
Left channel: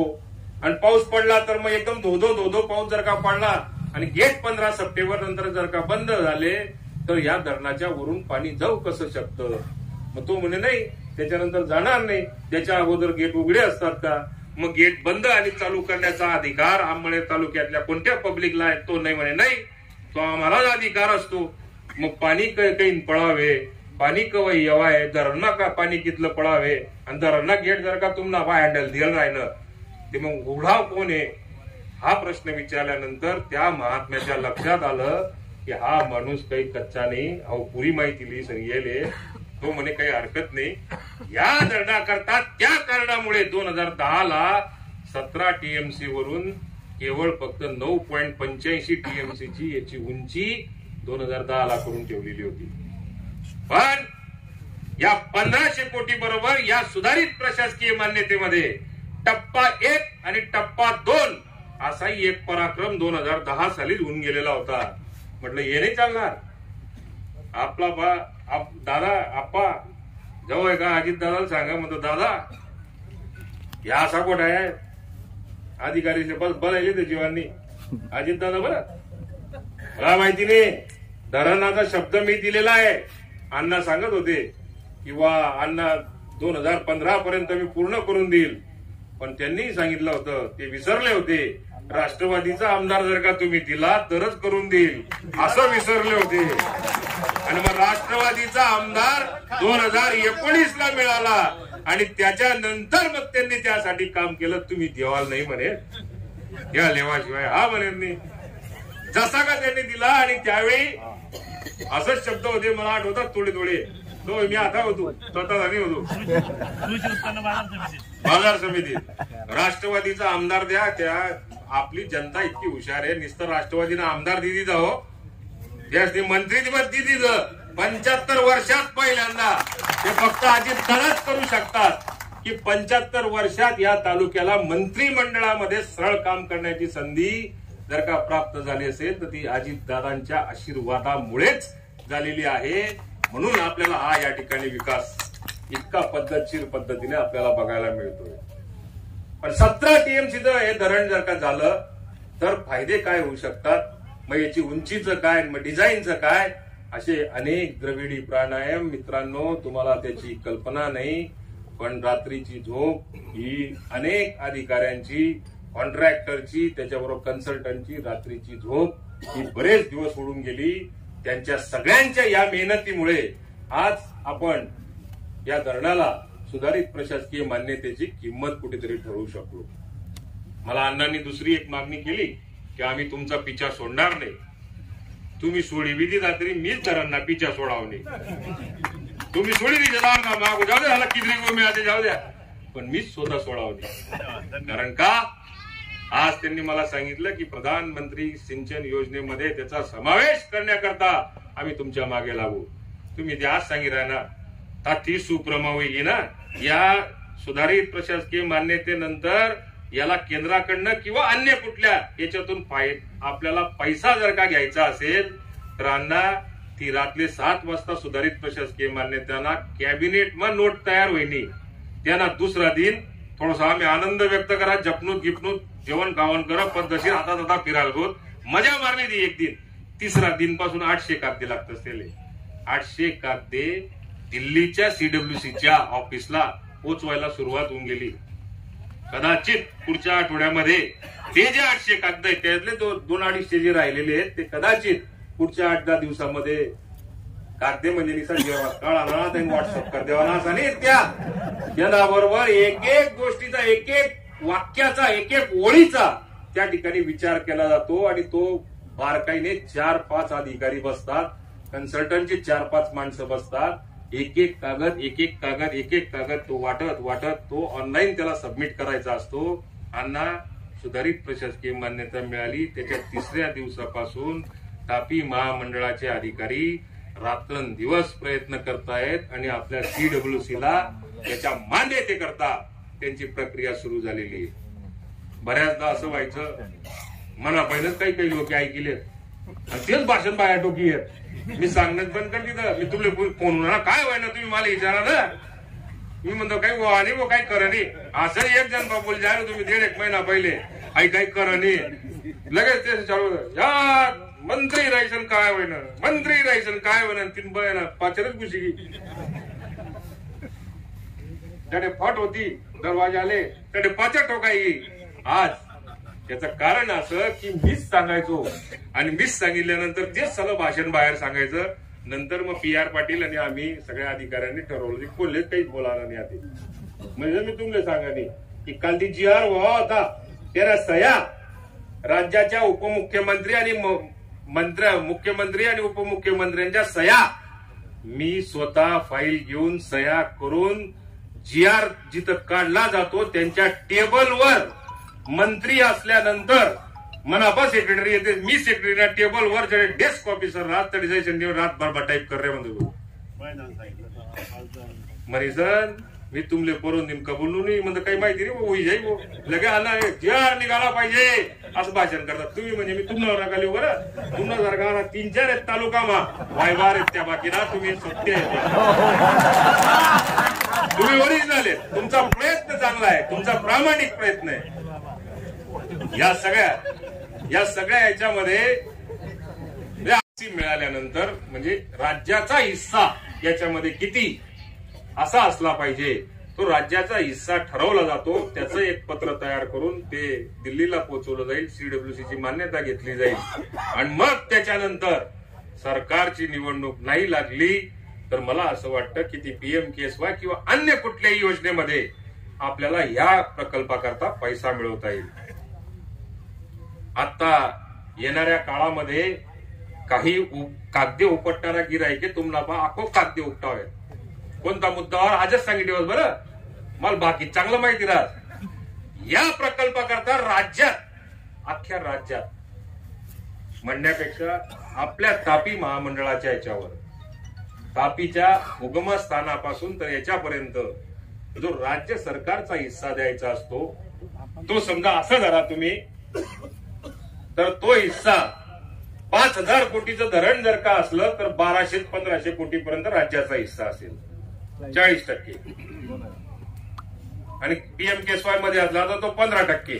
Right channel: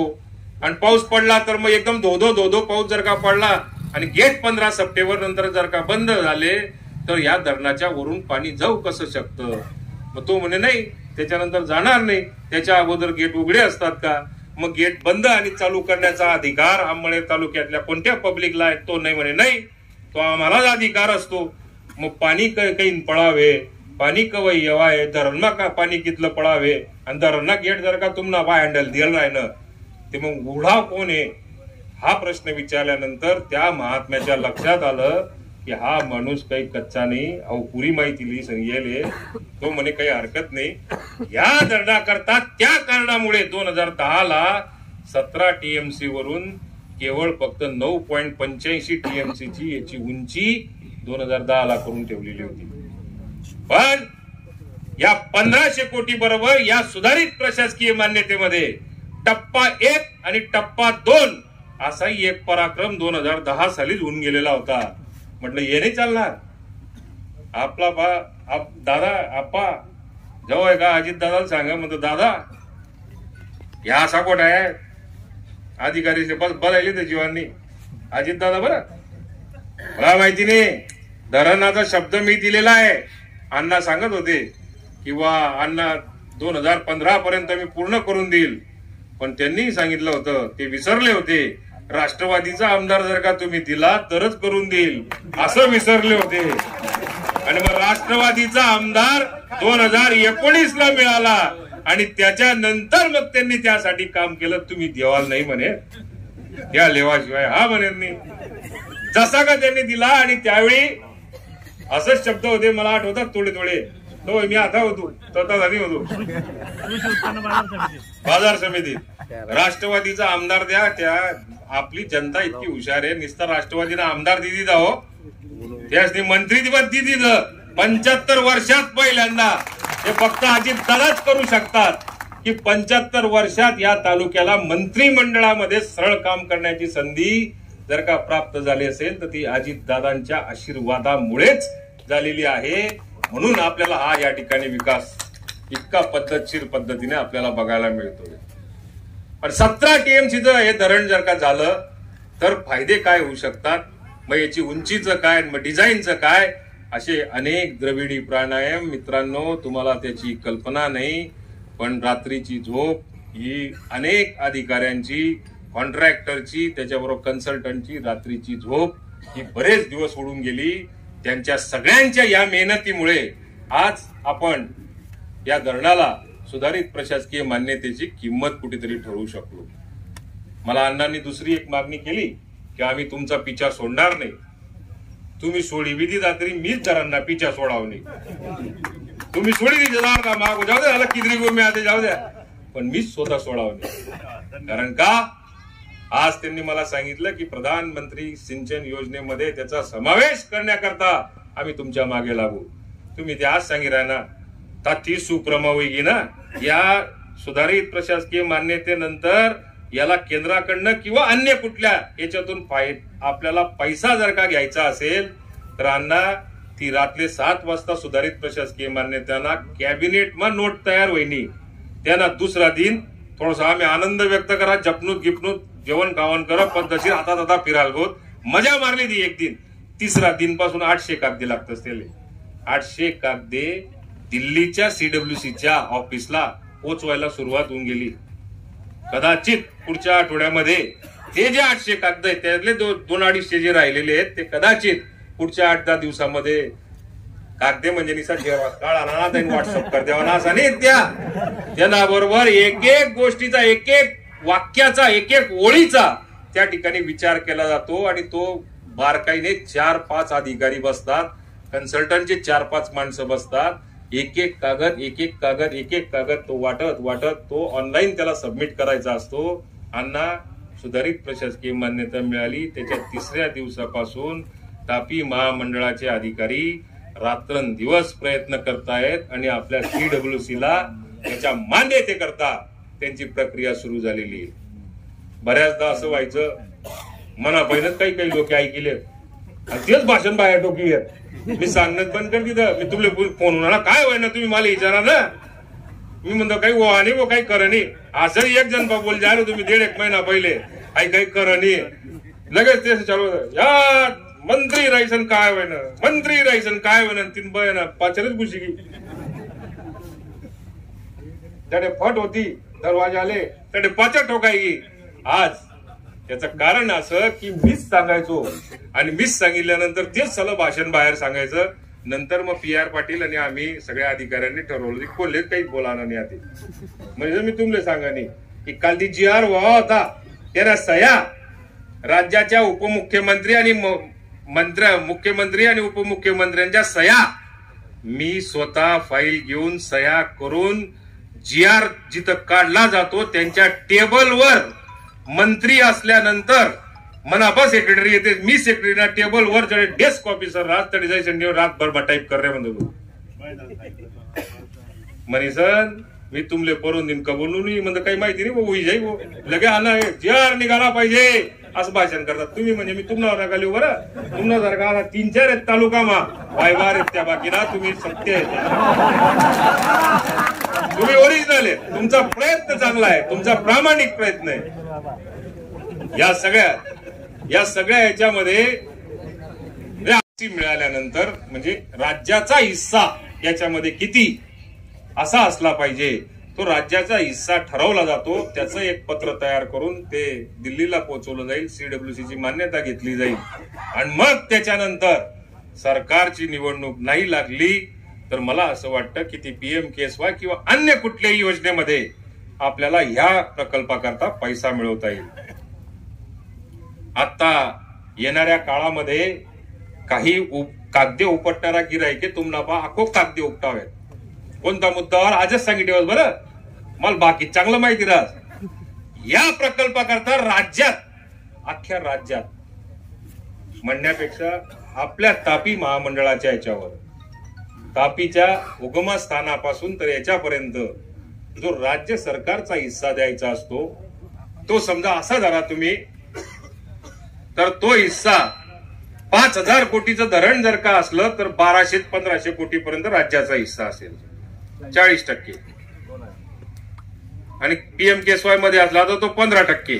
आणि पाऊस पडला तर मग एकदम धो पाऊस जर का पडला आणि गेट 15 सप्टेंबर नंतर जर का बंद झाले तर या धरणाच्या वरून पाणी जाऊ कसं शकतं. मग तो म्हणे नाही त्याच्यानंतर जाणार नाही, त्याच्या अगोदर गेट उघडे असतात का. मग गेट बंद आणि चालू करण्याचा अधिकार अंबळनेर तालुक्यातल्या कोणत्या पब्लिकला आहे. तो नाही म्हणे नाही तो आम्हालाच अधिकार असतो. मग पाणी काही पळावे, पाणी कवय येवाय, धरणमा का पाणी कितलं पळावे आणि धरणा गेट जर का तुम्हाला बा हँडल दिलं राहिलं ते मग उघडाव कोण आहे. हा प्रश्न विचारल्यानंतर त्या महात्म्याच्या लक्षात आलं की हा माणूस काही कच्चा नाही, अहो पुरी माहिती लिही सांगेले. तो म्हणे काही हरकत नाही. या धरणाकरता त्या कारणामुळे 2010 ला 17 TMC वरून केवळ फक्त 9.85 TMC ची याची उंची 2010 ला करून ठेवलेली होती. पण या 1500 कोटी बरोबर या सुधारित प्रशासकीय मान्यतेमध्ये टप्पा 1 आणि टप्पा 2 असाही एक पराक्रम 2010 सालीच होऊन गेलेला होता. म्हटलं हे नाही चालणार. आपला दादा आप्पा जवळ का अजित दादाला सांगा म्हणतो दादा ह्या असा कोट आहे अधिकारी बस बोलायले तर जीवांनी अजित दादा बरं मला माहिती नाही धरणाचा शब्द मी दिलेला आहे. अण्णा सांगत होते किंवा अण्णा 2015 पर्यंत मी पूर्ण करून देईल. पण त्यांनी सांगितलं होतं ते विसरले होते राष्ट्रवादीचा आमदार जर का तुम्ही दिला तरच करून देईल असं विसरले होते. आणि मग राष्ट्रवादीचा आमदार 2019 ला मिळाला आणि त्याच्यानंतर मग त्यांनी त्यासाठी काम केलं. तुम्ही देवाल नाही म्हणे या लेवाशिवाय हा म्हणे नाही. जसा का त्यांनी दिला आणि त्यावेळी असंच शब्द होते मला आठवतात थोडे तो मी आता होतो स्वतः झाली होतो बाजार समितीत राष्ट्रवादीचा आमदार द्या. त्या आपली जनता इतकी हुशार आहे नुसता राष्ट्रवादीला आमदार दिदी जाओ त्यासनी मंत्री दिदी 75 वर्षात पहिल्यांदा हे फक्त अजित दादाच करू शकतात की 75 वर्षात या तालुक्याला मंत्रिमंडळामध्ये सरळ काम करण्याची संधी जर का प्राप्त झाली असेल तर ती अजितदादांच्या आशीर्वादामुळेच झालेली आहे. म्हणून आपल्याला हा या ठिकाणी विकास इतका पद्धतशीर पद्धतीने आपल्याला बघायला मिळतोय. पण 17 टीएमसीचं हे धरण जर का झालं तर फायदे काय होऊ शकतात, मग याची उंचीचं काय, मग डिझाईनचं काय, असे अनेक द्रविडी प्राणायाम मित्रांनो, तुम्हाला त्याची कल्पना नाही. पण रात्रीची झोप ही अनेक अधिकाऱ्यांची, कॉन्ट्रॅक्टरची, त्याच्याबरोबर कन्सल्टंटची रात्रीची झोप ही बरेच दिवस उडून गेली. त्यांच्या सगळ्यांच्या या मेहनतीमुळे आज आपण या धरणाला सुधारित प्रशासकीय मान्यतेची किंमत कुठेतरी ठरवू शकलो. मला अण्णांनी दुसरी एक मागणी केली की आम्ही तुमचा पिछा सोडणार नाही. तुम्ही सोडी विधी रात्री मीच धरांना पिछा सोडावणे. तुम्ही सोडी दिली का मागू जाऊ द्या, किती मी आता जाऊ द्या, पण मीच स्वतः सोडावणे. कारण का आज त्यांनी मला सांगितलं की प्रधानमंत्री सिंचन योजनेमध्ये त्याचा समावेश करण्याकरता आम्ही तुमच्या मागे लागू. तुम्ही ते आज सांगितलं ना, ती सुप्रमावी ना या सुधारित प्रशासकीय मान्यतेनंतर याला केंद्राकडनं किंवा अन्य कुठल्या याच्यातून आपल्याला पैसा जर का घ्यायचा असेल तर अण्णा ती रात्री 7 वाजता सुधारित प्रशासकीय मान्यतेना कॅबिनेटમાં नोट तयार होईनी. त्यांना दुसरा दिन थोडासा आम्ही आनंद व्यक्त करा, जपणूक गिपणूक जेवण खावण करा, पद्धतशीर आता फिरायला गोत मजा मारली ती एक दिन. तिसरा दिन पासून 800 कागदे लागत असतील. 800 कागदे दिल्लीच्या सीडब्ल्यूसीच्या ऑफिसला पोचवायला सुरुवात होऊन गेली. कदाचित पुढच्या आठवड्यामध्ये ते जे 800 कागद आहेत त्यातले 2-250 जे राहिलेले आहेत ते कदाचित पुढच्या 8-10 दिवसामध्ये कागदे म्हणजे निसा काळा ना त्यांनी व्हॉट्सअप कर द्यावा ना असं नाही. त्यांना बरोबर एक एक गोष्टीचा, एक एक वाक्याचा, एक एक ओळीचा त्या ठिकाणी विचार केला जातो आणि तो बारकाईने 4-5 अधिकारी बसतात, कन्सल्टंटचे 4-5 माणसं बसतात. एक एक कागद तो वाटत तो ऑनलाईन त्याला सबमिट करायचा असतो. अण्णा सुधारित प्रशासकीय मान्यता मिळाली त्याच्या 3ऱ्या दिवसापासून तापी महामंडळाचे अधिकारी रात्रंदिवस प्रयत्न करतायत आणि आपल्या सीडब्ल्यूसीला त्याच्या मान्यतेकरता त्यांची प्रक्रिया सुरू झालेली आहे. बऱ्याचदा असं व्हायचं मनापायनच काही लोक ऐकले आणि तेच भाषण बाहेर टोकी आहेत. मी सांगणं बंद कर तिथं. मी तुमले फोन होणार काय व्हाय ना, तुम्ही मला विचारा ना. मी म्हणतो काही व्हा नाही, काही कर नाही. असं एक जण बोल जा तुम्ही 1.5 महिना पहिले काही कर नाही, लगेच ते चालू या मंत्री राहायचं काय होईना, मंत्री राहायचं काय होईना. 3 बयाना 5 खुशी की त्याने फट होती, दरवाजा आले त्याने 5 ठोकाई. आज त्याचं कारण असं की मीच सांगायचो आणि मीच सांगितल्यानंतर तेच सगळं भाषण बाहेर सांगायचं. नंतर मग PR पाटील आणि आम्ही सगळ्या अधिकाऱ्यांनी ठरवलं की कोल्हे काही बोलाना नाही आधी. म्हणजे मी तुमले सांगा नाही की काल ती GR व्हावा होता त्याला सह्या राज्याच्या उपमुख्यमंत्री आणि मुख्यमंत्री आणि उपमुख्यमंत्र्यांच्या सह्या मी स्वतः फाईल घेऊन सह्या करून GR जिथं काढला जातो त्यांच्या टेबलवर मंत्री असल्यानंतर मनापा सेक्रेटरी येते, मी सेक्रेटरी टेबलवर डेस्क ऑफिसर रातभर टाईप कर रहे म्हणतो मनीसन मी तुमले परून दिन कबूल नाही म्हणतो काही माहिती नाही होई जाई लगे आना GR निघाला पाहिजे असं भाषण करतात तुम्ही. म्हणजे मी तुम्हाला नका बरं, तुम्हाला जर का 3-4 आहेत तालुकामा वायवार आहेत त्या बाकीना तुम्ही सत्य आहे, तुम्ही ओरिजिनल आहे, तुमचा प्रयत्न चांगला आहे, तुमचा प्रामाणिक प्रयत्न आहे. या सगळ्या याच्यामध्ये मिळाल्यानंतर म्हणजे राज्याचा हिस्सा याच्यामध्ये किती असा असला पाहिजे तो राज्याचा हिस्सा ठरवला जातो. त्याचं एक पत्र तयार करून ते दिल्लीला पोहोचवलं जाईल, सीडब्ल्यूसीची मान्यता घेतली जाईल आणि मग त्याच्यानंतर सरकारची निवडणूक नाही लागली तर मला असं वाटतं की ती PMKSY किंवा अन्य कुठल्याही योजनेमध्ये आपल्याला ह्या प्रकल्पाकरता पैसा मिळवता येईल. आता येणाऱ्या काळामध्ये काही कागदे उपटणारा गिराईके तुम्हाला आखो कागदे उपटावे. कोणता मुद्दावर आजच सांगितलं बरं, मला बाकी चांगलं माहिती राहत. या प्रकल्पाकरता राज्यात, अख्ख्या राज्यात म्हणण्यापेक्षा आपल्या तापी महामंडळाच्या याच्यावर, तापीच्या उगमस्थानापासून तर याच्यापर्यंत जो राज्य सरकारचा हिस्सा द्यायचा असतो तो समजा असा धरा तुम्ही, तर तो हिस्सा 5,000 कोटीचं धरण जर का असलं तर 1200 ते 1500 कोटी पर्यंत राज्याचा हिस्सा असेल, 40%. आणि PMKSY मध्ये असला तर तो 15%.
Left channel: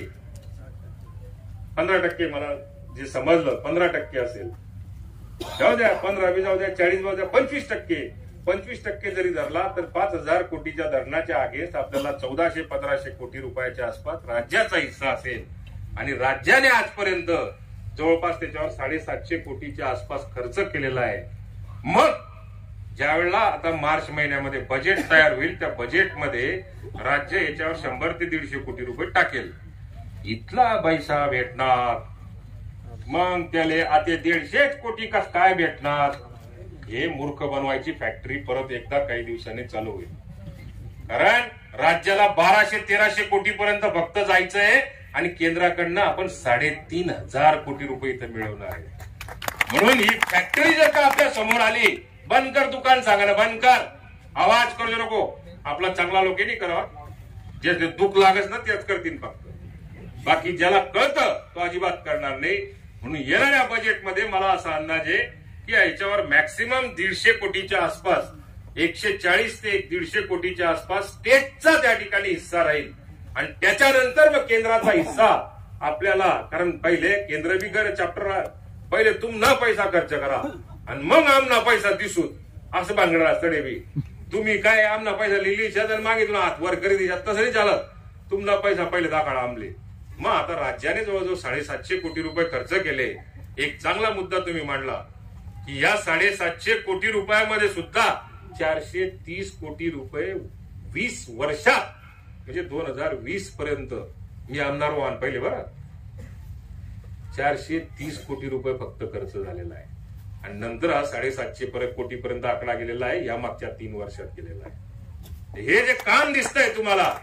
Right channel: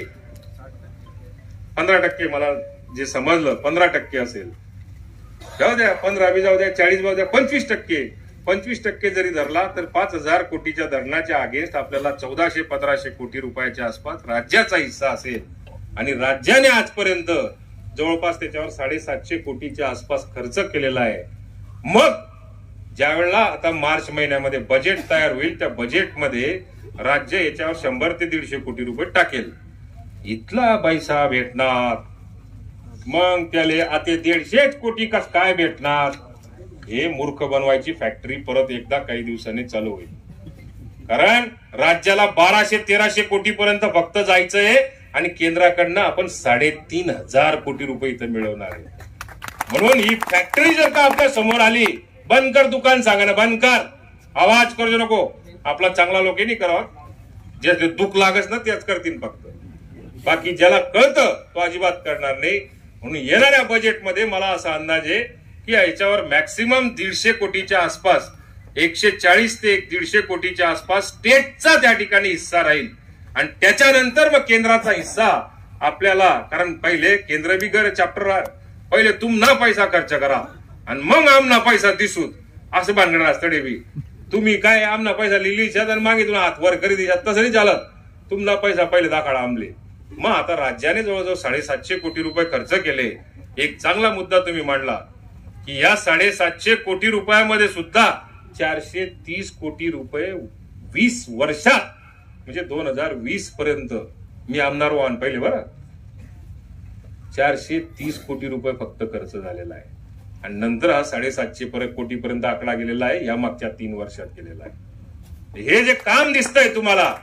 15% मला जे समजलं 15% असेल. जाऊ द्या, 15 बी जाऊ द्या, 40 जाऊ द्या, 25%. 25% जरी धरला तर 5,000 कोटीच्या धरणाच्या अगेन्स्ट आपल्याला 1400-1500 कोटी रुपयाच्या आसपास राज्याचा हिस्सा असेल. आणि राज्याने आजपर्यंत जवळपास त्याच्यावर 750 कोटीच्या आसपास खर्च केलेला आहे. मग ज्या वेळेला आता मार्च महिन्यामध्ये बजेट तयार होईल, त्या बजेटमध्ये राज्य याच्यावर 100 ते 150 कोटी रुपये टाकेल. इथला पैसा भेटणार, मग त्याला आता 150 कोटी कस काय भेटणार, हे मूर्ख बनवायची फॅक्टरी परत एकदा काही दिवसांनी चालू होईल. कारण राज्याला 1200-1300 कोटी पर्यंत फक्त जायचंय आणि केंद्राकडनं आपण 3,500 कोटी रुपये इथं मिळवणार आहे. म्हणून ही फॅक्टरी जर का आपल्या समोर आली, बंद कर दुकान, सांगा ना बंद कर, आवाज करू नको. आपला चांगला लोक नाही करावा, जे दुःख लागत ना तेच करतील फक्त. बाकी ज्याला कळतं तो अजिबात करणार नाही. म्हणून येणाऱ्या बजेटमध्ये मला असा अंदाज आहे की याच्यावर मॅक्सिमम 150 कोटीच्या आसपास, 140 ते 150 कोटीच्या आसपास स्टेटचा त्या ठिकाणी हिस्सा राहील. आणि त्याच्यानंतर मग केंद्राचा हिस्सा आपल्याला, कारण पहिले केंद्र बी गर चॅप्टर, पहिले तुम ना पैसा खर्च करा आणि मग आमना पैसा दिसूत, असं भानगड असतं डेबी. तुम्ही काय आमना पैसा लिहिली आणि मागे तुला हात वर करी दिशात, तसं नाही चालत. तुमना पैसा पहिले दाखला आमले. मग आता राज्याने जवळजवळ 750 कोटी रुपये खर्च केले. एक चांगला मुद्दा तुम्ही मांडला की या 750 कोटी रुपयामध्ये सुद्धा 430 कोटी रुपये 20 वर्षात, म्हणजे 2020 पर्यंत मी आमदार व्हान पहिले बरं, 430 कोटी रुपये फक्त खर्च झालेला आहे. आणि नंतर हा 750 कोटी पर्यंत आकडा गेलेला आहे, या मागच्या 3 वर्षात गेलेला आहे. हे जे काम दिसतंय तुम्हाला,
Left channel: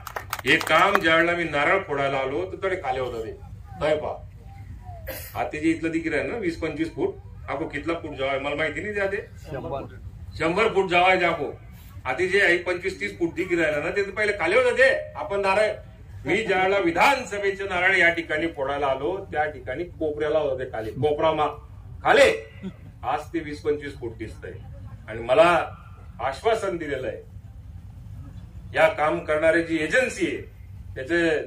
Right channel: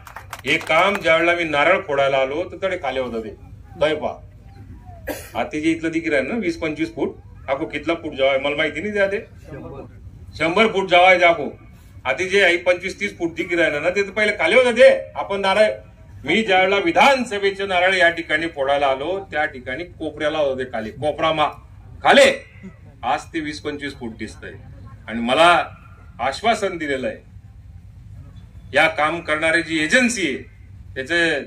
हे काम ज्यावेळेला मी नारळ फोडायला आलो तर तडे खाली होता ते दैपा. आता जे इथलं दिकीर आहे ना 20-25 फूट, आपको कितला फूट जावाय मला माहिती नाही. द्या ते 100 फूट जावाय जाको. आता जे 25-30 फूट दिकीर आहे ना ते पहिले खाली होता ते. आपण नारळ, मी ज्यावेळेला विधानसभेचे नारळ या ठिकाणी फोडायला आलो त्या ठिकाणी कोपऱ्याला होते खाली, कोपरामा खाली. आज ते 20-25 फूट दिसतंय. आणि मला आश्वासन दिलेलं आहे, या काम करणारी जी एजन्सी आहे त्याचे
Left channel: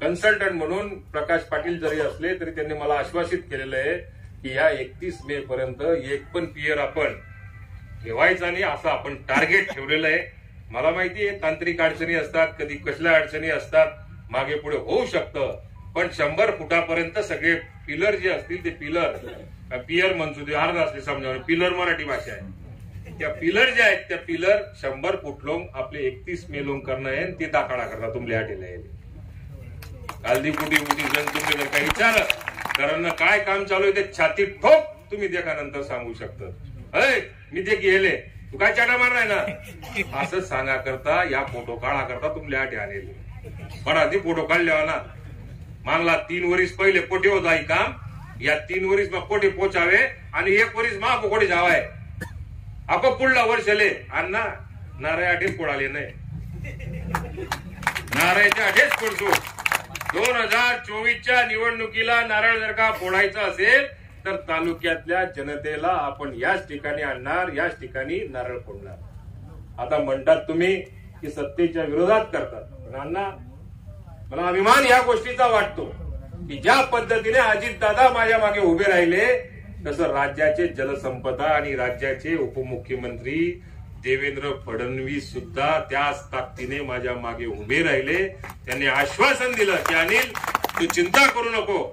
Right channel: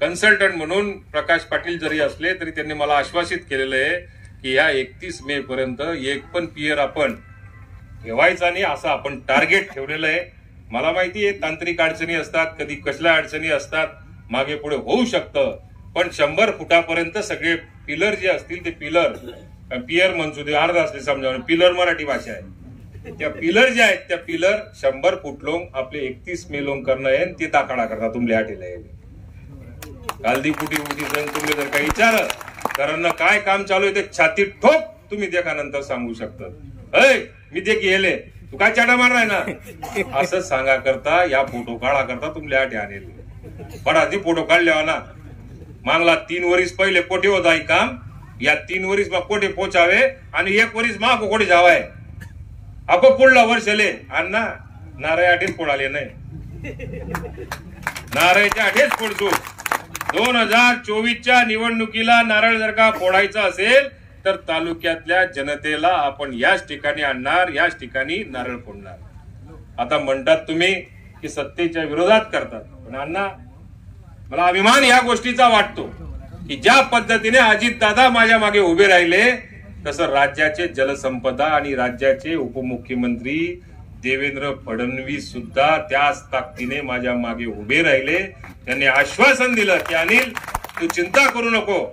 कन्सल्टंट म्हणून प्रकाश पाटील जरी असले तरी त्यांनी मला आश्वासित केलेलं आहे की या 31 मे पर्यंत एक पण पियर आपण ठेवायचा नाही, असं आपण टार्गेट ठेवलेलं आहे. मला माहिती आहे तांत्रिक अडचणी असतात, कधी कसल्या अडचणी असतात, मागे पुढे होऊ शकतं, पण 100 फुटापर्यंत सगळे पिलर जे असतील ते पियर म्हणतो ते अर्ध असले समजा, पिलर मराठी भाषा आहे, त्या पिलर जे आहेत त्या पिलर 100 फूट लोंग आपले 31 मे लोंग करणं आहे. ते दाखला करता तुमले आठेला कालदी फुटी सण तुम्ही जर काही विचार कारण काय काम चालू आहे ते छाती ठोक तुम्ही देखा नंतर सांगू शकता. मी ते गेले तू काय चाटा मारलाय ना असं सांगा करता, या फोटो काढा करता तुमले आठे आणले बडा ती फोटो काढले ना. मागला 3 वर्ष पहिले कोठे होता ही काम, या 3 वर्ष कोठे पोचावे आणि 1 वर्ष मा कोठे जावाय. आपण पुढला वर्षले अण्णा नारळ आठेच फोडाले नाही, नारळच्या आठेच फोडतो. 2024च्या निवडणुकीला नारळ जर का फोडायचा असेल तर तालुक्यातल्या जनतेला आपण याच ठिकाणी आणणार, याच ठिकाणी नारळ फोडणार. आता म्हणतात तुम्ही की सत्तेच्या विरोधात करतात, पण अण्णा मला अभिमान या गोष्टीचा वाटतो की ज्या पद्धतीने अजितदादा माझ्या मागे उभे राहिले तसं राज्याचे जलसंपदा आणि राज्याचे उपमुख्यमंत्री देवेंद्र फडणवीस सुद्धा त्याच ताकदीने माझ्या मागे उभे राहिले. त्यांनी आश्वासन दिलं की अनिल तू चिंता करू नको,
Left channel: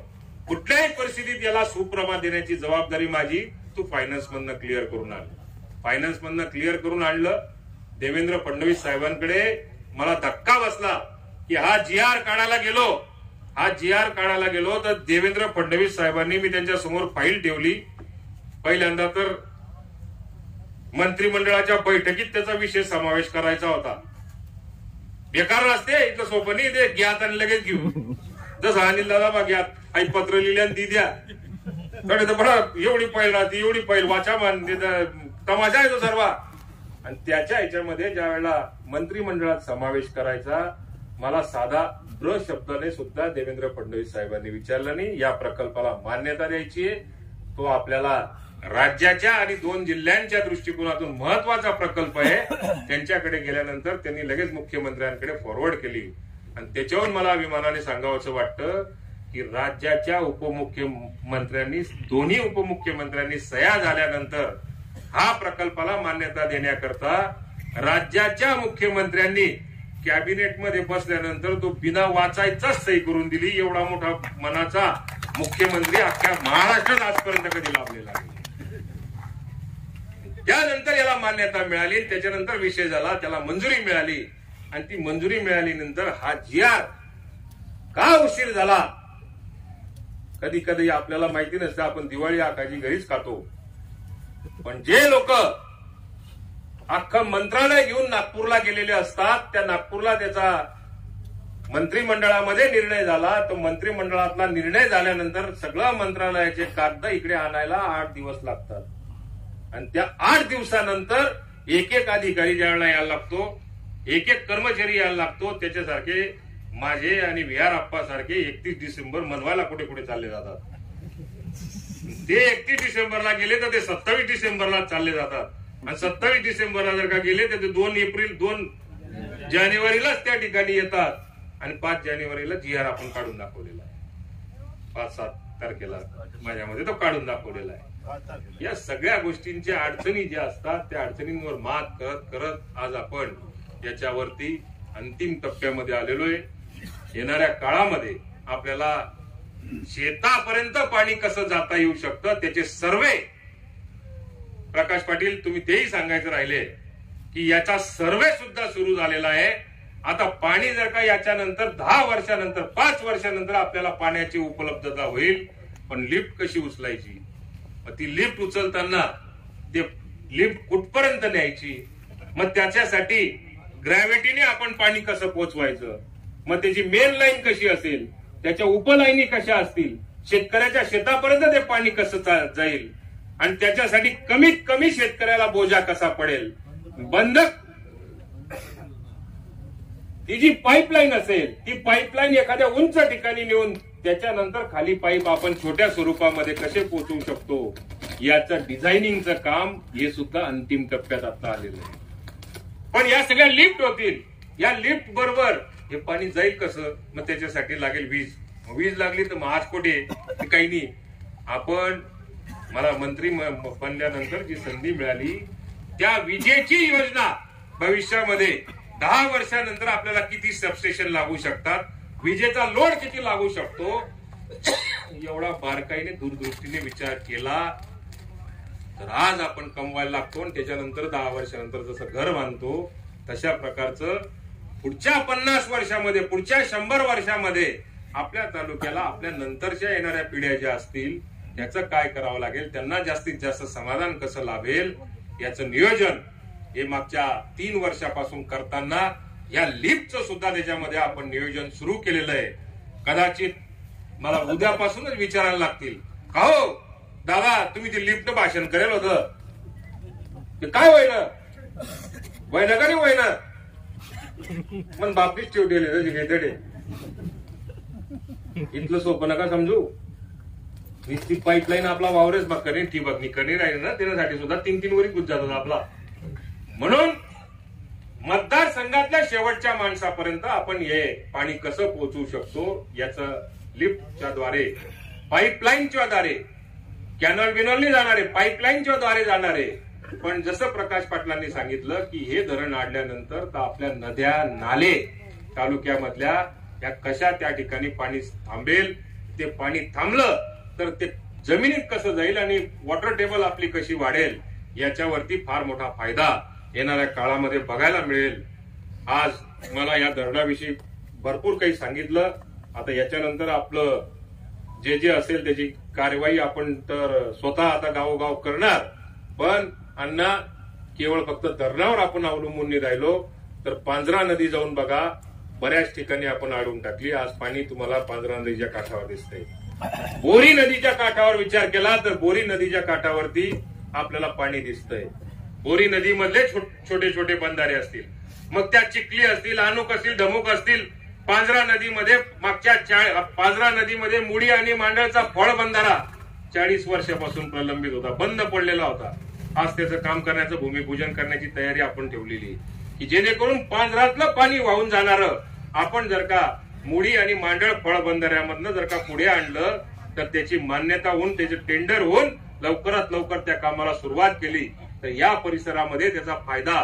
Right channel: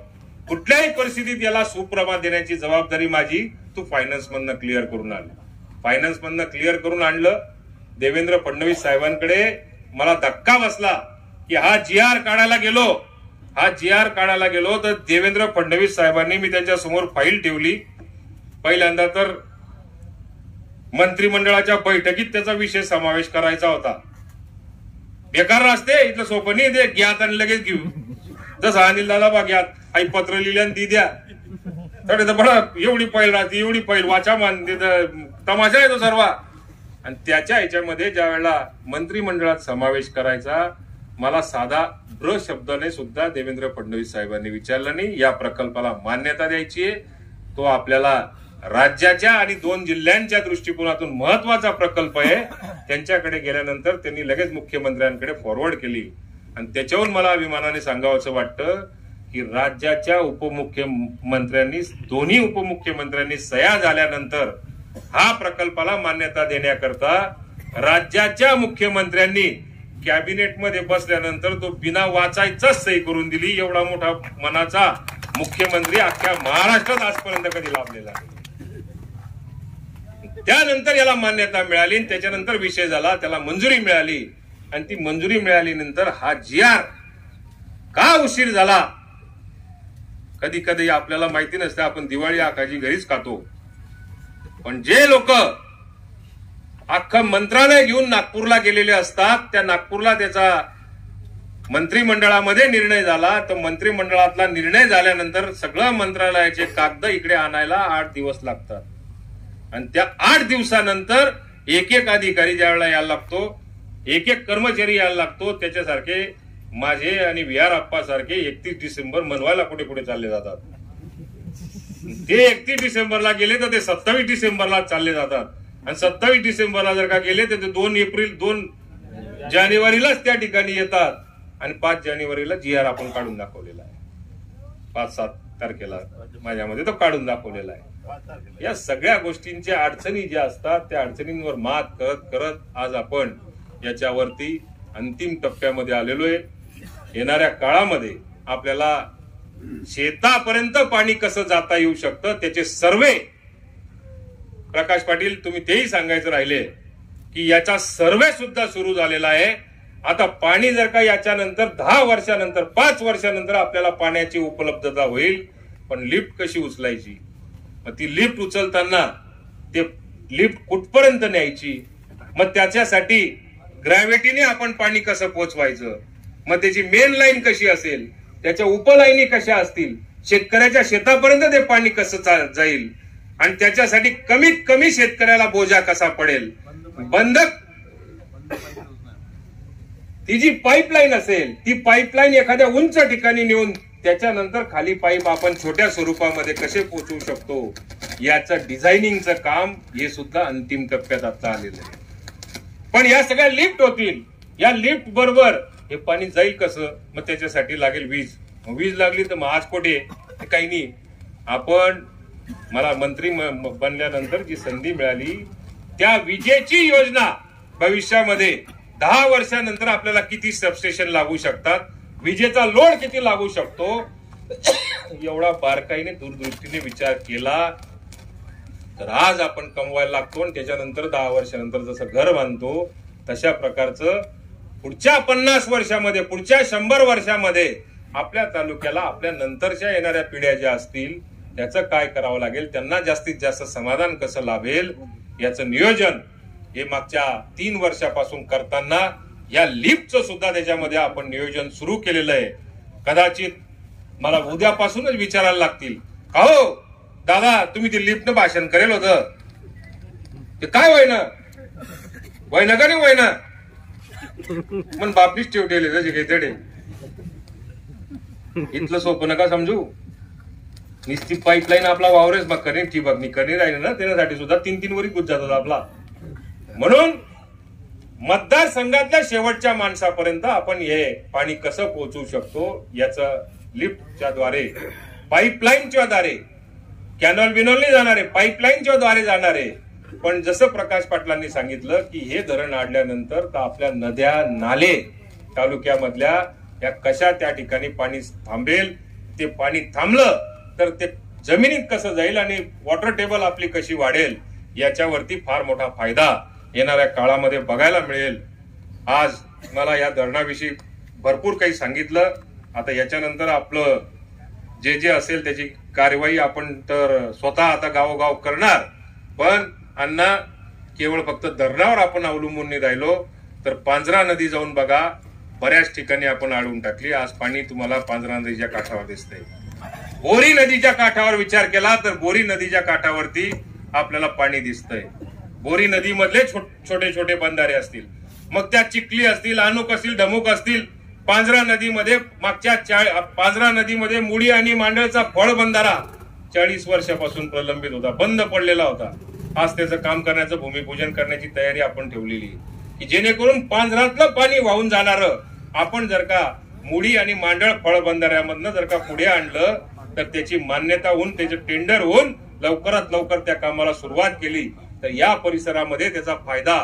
कुठल्याही परिस्थितीत याला सुप्रभात देण्याची जबाबदारी माझी, तू फायनान्स मधनं क्लिअर करून आण. फायनान्स मधनं क्लिअर करून आणलं. देवेंद्र फडणवीस साहेबांकडे मला धक्का बसला की हा GR काढायला गेलो तर देवेंद्र फडणवीस साहेबांनी, मी त्यांच्या समोर फाईल ठेवली. पहिल्यांदा तर मंत्रिमंडळाच्या बैठकीत त्याचा विषय समावेश करायचा होता. बेकार असते इथलं सोपं नाही, ते घ्यात आणि लगेच घेऊ. जसं अनिल दादा बा घ्यात आई पत्र लिहिले आणि ती द्या, तर बडा एवढी पैल राहते, एवढी पैल वाचा मान तमाशा आहे तो सर्व. आणि त्याच्या ह्याच्यामध्ये ज्या वेळेला मंत्रिमंडळात समावेश करायचा, मला साधा ब्र शब्दाने सुद्धा देवेंद्र फडणवीस साहेबांनी विचारलं नाही. या प्रकल्पाला मान्यता द्यायची आहे. तो आपल्याला राज्याच्या आणि 2 जिल्ह्यांच्या दृष्टिकोनातून महत्वाचा प्रकल्प आहे. त्यांच्याकडे गेल्यानंतर त्यांनी लगेच मुख्यमंत्र्यांकडे फॉरवर्ड केली आणि त्याच्यावरून मला अभिमानाने सांगावंसं वाटतं की राज्याच्या उपमुख्यमंत्र्यांनी, दोन्ही उपमुख्यमंत्र्यांनी सह्या झाल्यानंतर हा प्रकल्पाला मान्यता देण्याकरता राज्याच्या मुख्यमंत्र्यांनी कॅबिनेटमध्ये बसल्यानंतर तो बिना वाचायचाच सही करून दिली. एवढा मोठा मनाचा मुख्यमंत्री अख्ख्या महाराष्ट्रात आजपर्यंत कधी लाभलेला नाही. त्यानंतर याला मान्यता मिळाली, त्याच्यानंतर विषय झाला, त्याला मंजुरी मिळाली आणि ती मंजुरी मिळाल्यानंतर हा GR का उशीर झाला, कधी कधी आपल्याला माहिती नसतं. आपण दिवाळी आकाजी घरीच खातो, पण जे लोक अख्खं मंत्रालय घेऊन नागपूरला गेलेले असतात, त्या नागपूरला त्याचा मंत्रिमंडळामध्ये निर्णय झाला. तर मंत्रिमंडळातला निर्णय झाल्यानंतर सगळं मंत्रालयाचे कागद इकडे आणायला 8 दिवस लागतात आणि त्या 8 दिवसानंतर एक एक अधिकारी ज्या वेळेला यायला लागतो, एक एक कर्मचारी यायला लागतो. त्याच्यासारखे माझे आणि VR आप्पा सारखे 31 डिसेंबर मनवायला कुठे कुठे चालले जातात. ते 31 डिसेंबरला गेले तर ते 27 डिसेंबरला चालले जातात आणि 27 डिसेंबरला जर का गेले तर ते 2 जानेवारीलाच त्या ठिकाणी येतात आणि 5 जानेवारीला GR आपण काढून दाखवलेला आहे. 5-7 तारखेला माझ्यामध्ये तो काढून दाखवलेला आहे. या सगळ्या गोष्टींच्या अडचणी ज्या असतात त्या अडचणींवर मात करत करत आज आपण याच्यावरती अंतिम टप्प्यामध्ये आलेलो आहे. येणाऱ्या काळामध्ये आपल्याला शेतापर्यंत पाणी कसं जाता येऊ शकतं त्याचे सर्वे, प्रकाश पाटील तुम्ही तेही सांगायचं राहिले की याचा सर्वे सुद्धा सुरू झालेला आहे. आता पाणी जर का याच्यानंतर 10 वर्षानंतर 5 वर्षानंतर आपल्याला पाण्याची उपलब्धता होईल, पण लिफ्ट कशी उचलायची, मग ती लिफ्ट उचलताना ते लिफ्ट कुठपर्यंत न्यायची, मग त्याच्यासाठी ग्रॅव्हिटीने आपण पाणी कसं पोचवायचं, मग त्याची मेन लाईन कशी असेल, त्याच्या उपलाईनी कशा असतील, शेतकऱ्याच्या शेतापर्यंत ते पाणी कसं जाईल आणि त्याच्यासाठी कमीत कमी शेतकऱ्याला बोजा कसा पडेल. बंधक ती जी पाईपलाईन असेल ती पाईपलाईन एखाद्या उंच ठिकाणी नेऊन त्याच्यानंतर खाली पाईप आपण छोट्या स्वरूपामध्ये कसे पोहोचवू शकतो याचं डिझायनिंगचं काम हे सुद्धा अंतिम टप्प्यात आता आलेलं आहे. पण या सगळ्या लिफ्ट होतील, या लिफ्ट बरोबर हे पाणी जाईल कसं, मग त्याच्यासाठी लागेल वीज. वीज लागली तर मग आज कुठे, काही नाही. आपण मला मंत्री बनल्यानंतर जी संधी मिळाली त्या विजेची योजना भविष्यामध्ये 10 वर्षानंतर आपल्याला किती सबस्टेशन लागू शकतात, विजेचा लोड किती लागू शकतो, एवढा बारकाईने दूरदृष्टीने विचार केला तर आज आपण कमवायला लागतो आणि त्याच्यानंतर 10 वर्षानंतर जसं घर बांधतो तशा प्रकारचं पुढच्या 50 वर्षामध्ये, पुढच्या 100 वर्षामध्ये आपल्या तालुक्याला आपल्या नंतरच्या येणाऱ्या पिढ्या ज्या असतील त्याचं काय करावं लागेल, त्यांना जास्तीत जास्त समाधान कसं लाभेल याचं नियोजन हे मागच्या 3 वर्षापासून करताना या लिफ्टचं सुद्धा त्याच्यामध्ये आपण नियोजन सुरू केलेलं आहे. कदाचित मला उद्यापासूनच विचारायला लागतील, का हो दादा तुम्ही ते लिफ्टनं भाषण करेल होतं ते काय होईना का नाही होईना, पण बापीच ठेवलेले जसे घेतडे. इथलं सोपं नका समजू. निश्चित पाईपलाईन आपला वावरेच मग करेल ठिबक करी राहील ना, त्यासाठी सुद्धा 3-3 वरी गुज जातात आपला. म्हणून मतदारसंघातल्या शेवटच्या माणसापर्यंत आपण हे पाणी कसं पोहोचवू शकतो याचं लिफ्टच्या द्वारे, पाईपलाईनच्या द्वारे, कॅनल बिनॉलने जाणारे पाईपलाईनच्या द्वारे जाणारे. पण जसं प्रकाश पाटलांनी सांगितलं की हे धरण आणल्यानंतर तर आपल्या नद्या नाले तालुक्यामधल्या या कशा त्या ठिकाणी पाणी थांबेल, ते पाणी थांबलं तर ते जमिनीत कसं जाईल आणि वॉटर टेबल आपली कशी वाढेल याच्यावरती फार मोठा फायदा येणाऱ्या काळामध्ये बघायला मिळेल. आज मला या धरणाविषयी भरपूर काही सांगितलं. आता याच्यानंतर आपलं जे जे असेल त्याची कार्यवाही आपण तर स्वतः आता गावोगाव करणार. पण अण्णा केवळ फक्त धरणावर आपण अवलंबून नाही राहिलो तर पांझरा नदी जाऊन बघा, बऱ्याच ठिकाणी आपण अडवून टाकली. आज पाणी तुम्हाला पांझरा नदीच्या काठावर दिसतंय. बोरी नदीच्या काठावर विचार केला तर बोरी नदीच्या काठावरती आपल्याला पाणी दिसतंय. बोरी नदीमधले छोटे छोटे बंधारे असतील, मग त्या चिखली असतील, अनुक असतील, ढमुक असतील, पांझरा नदीमध्ये पांझरा नदीमध्ये मुडी आणि मांडळचा फळ बंधारा 40 वर्षापासून प्रलंबित होता, बंद पडलेला होता. आज त्याचं काम करण्याचं भूमिपूजन करण्याची तयारी आपण ठेवलेली, की जेणेकरून पांझरातलं पाणी वाहून जाणार आपण जर का मुडी आणि मांडळ फळ बंधाऱ्यामधनं जर का पुढे आणलं तर त्याची मान्यता होऊन त्याचे टेंडर होऊन लवकरात लवकर त्या कामाला सुरुवात केली तर या परिसरामध्ये त्याचा फायदा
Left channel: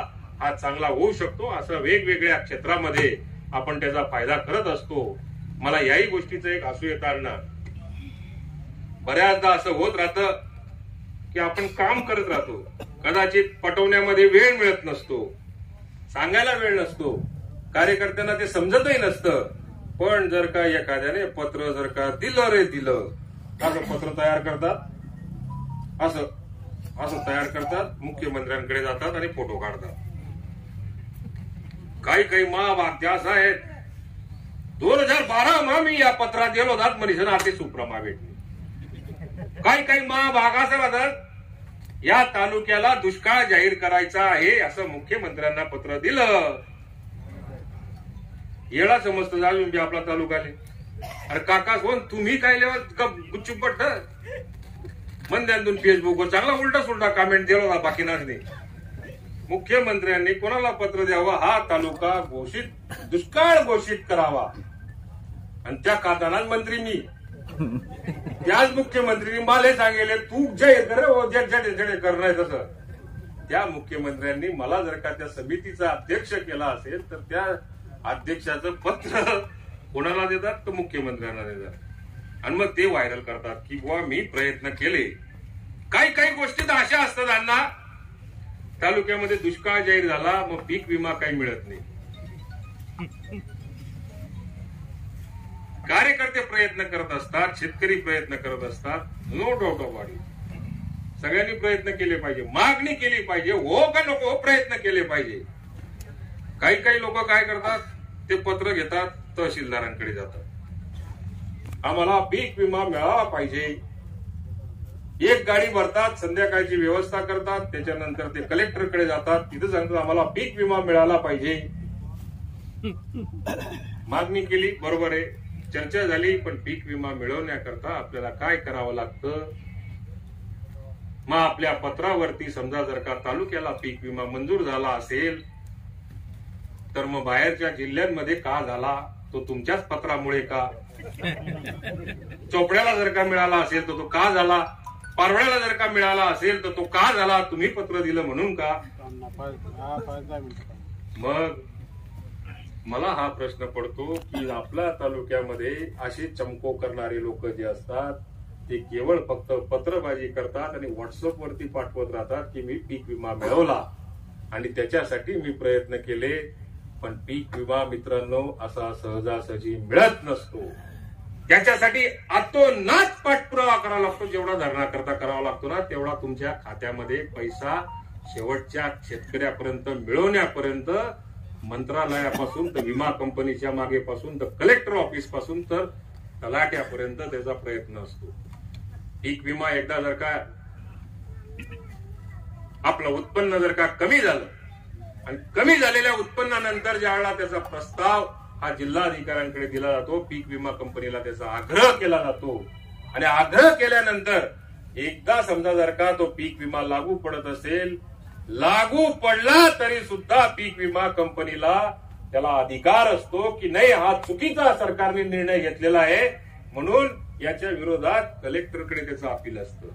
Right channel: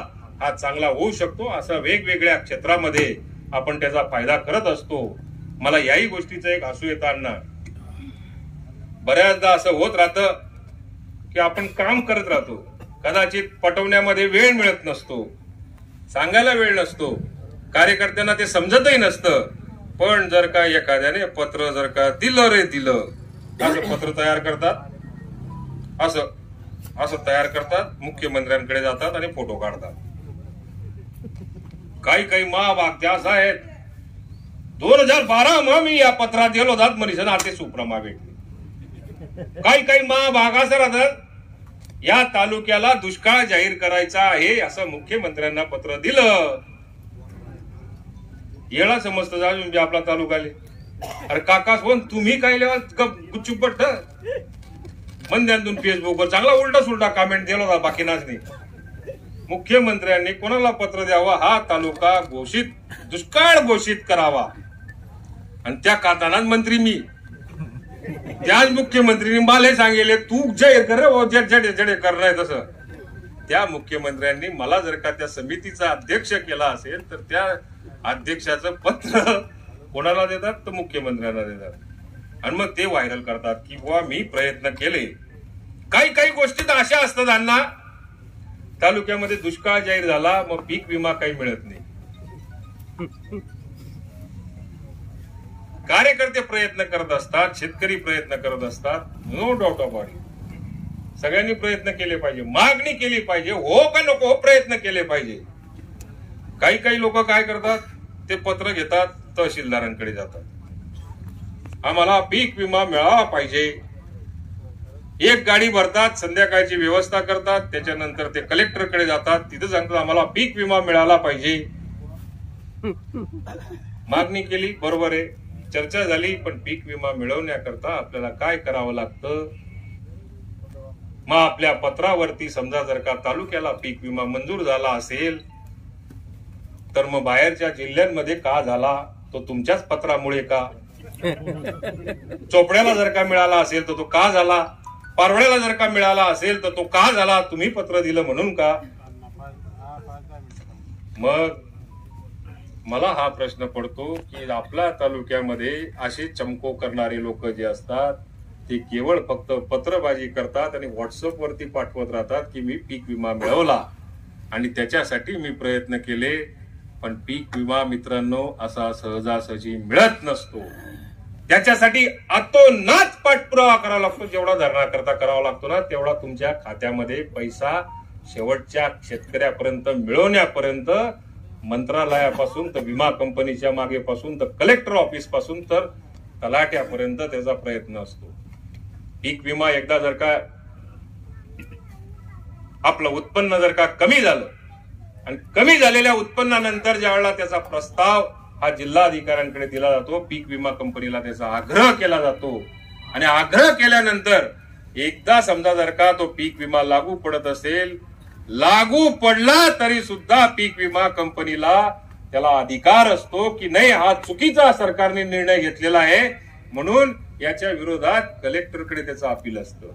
हा चांगला होऊ शकतो. असं वेगवेगळ्या क्षेत्रामध्ये आपण त्याचा फायदा करत असतो. मला याही गोष्टीचं एक हसू येतं अण्णा, बऱ्याचदा असं होत राहतं की आपण काम करत राहतो, कदाचित पटवण्यामध्ये वेळ मिळत नसतो, सांगायला वेळ नसतो, कार्यकर्त्यांना ते समजतही नसतं. पण जर का एखाद्याने पत्र जर का दिलं रे दिलं, असं पत्र तयार करतात, असं तयार करतात, मुख्यमंत्र्यांकडे जातात आणि फोटो काढतात. काही महाभाग असं आहेत, 2012 मा मी या पत्रात गेलो जात मनीषा आते सुप्रमा भेटली. काही महाभाग असं राहतात, या तालुक्याला दुष्काळ जाहीर करायचा आहे असं मुख्यमंत्र्यांना पत्र दिलं, येळा समजतं अजून आपला तालुकाले. अरे काका कोण तुम्ही काय लेवा गुच्चूप पट्ट मंद्यांतून फेसबुकवर चांगला उलटा सुलटा कमेंट दिला होता, बाकी नाच नाही. मुख्यमंत्र्यांनी कोणाला पत्र द्यावं, हा तालुका दुष्काळ घोषित करावा, आणि त्या कातानात मंत्री मी, त्याच मुख्यमंत्र्यांनी मला सांगेले तू जय कर जडे करणार तसं. त्या मुख्यमंत्र्यांनी मला जर का त्या समितीचा अध्यक्ष केला असेल तर त्या अध्यक्षाचं पत्र कोणाला देतात, तर मुख्यमंत्र्यांना देतात, आणि मग ते व्हायरल करतात की बुवा मी प्रयत्न केले. काही गोष्टी तर अशा असतात अण्णा, तालुक्यामध्ये दुष्काळ जाहीर झाला मग पीक विमा काही मिळत नाही. कार्यकर्ते प्रयत्न करत असतात, शेतकरी प्रयत्न करत असतात, नो डाऊट ऑफ इट. सगळ्यांनी प्रयत्न केले पाहिजे, मागणी केली पाहिजे, हो का नको प्रयत्न केले पाहिजे. काही लोक काय करतात, ते पत्र घेतात, तहसीलदारांकडे जातात, आम्हाला पीक विमा मिळाला पाहिजे. एक गाडी भरतात, संध्याकाळची व्यवस्था करतात, त्याच्यानंतर ते कलेक्टरकडे जातात, तिथे सांगतात आम्हाला पीक विमा मिळाला पाहिजे. मागणी केली, बरोबर आहे, चर्चा झाली, पण पीक विमा मिळवण्याकरता आपल्याला काय करावं लागतं. मग आपल्या पत्रावरती समजा जर का तालुक्याला पीक विमा मंजूर झाला असेल तर मग बाहेरच्या जिल्ह्यांमध्ये का झाला, तो तुमच्याच पत्रामुळे का. चोपड्याला जर का मिळाला असेल तर तो का झाला, पारवड्याला जर का मिळाला असेल तर तो का झाला, तुम्ही पत्र दिलं म्हणून का. मग मला हा प्रश्न पडतो की आपल्या तालुक्यामध्ये असे चमको करणारे लोक जे असतात ते केवळ फक्त पत्रबाजी करतात आणि व्हॉट्सअप वरती पाठवत राहतात की मी पीक विमा मिळवला आणि त्याच्यासाठी मी प्रयत्न केले. पण पीक विमा मित्रांनो असा सहजासहजी मिळत नसतो. त्याच्यासाठी अतोनात पाठपुरावा करावा लागतो. जेवढा धरणाकरता करावा लागतो ना तेवढा तुमच्या खात्यामध्ये पैसा शेवटच्या शेतकऱ्यापर्यंत मिळवण्यापर्यंत मंत्रालयापासून तर विमा कंपनीच्या मागेपासून तर कलेक्टर ऑफिस पासून तर तलाट्यापर्यंत त्याचा प्रयत्न असतो. पीक विमा एकदा जर का आपलं उत्पन्न जर का कमी झालं आणि कमी झालेल्या उत्पन्नानंतर ज्या वेळेला त्याचा प्रस्ताव हा जिल्हाधिकाऱ्यांकडे दिला जातो, पीक विमा कंपनीला त्याचा आग्रह केला जातो आणि आग्रह केल्यानंतर एकदा समजा जर का तो पीक विमा लागू पडत असेल, लागू पडला तरी सुद्धा पीक विमा कंपनीला त्याला अधिकार असतो की नाही हा चुकीचा सरकारने निर्णय घेतलेला आहे म्हणून याच्या विरोधात कलेक्टरकडे त्याचं अपील असतं.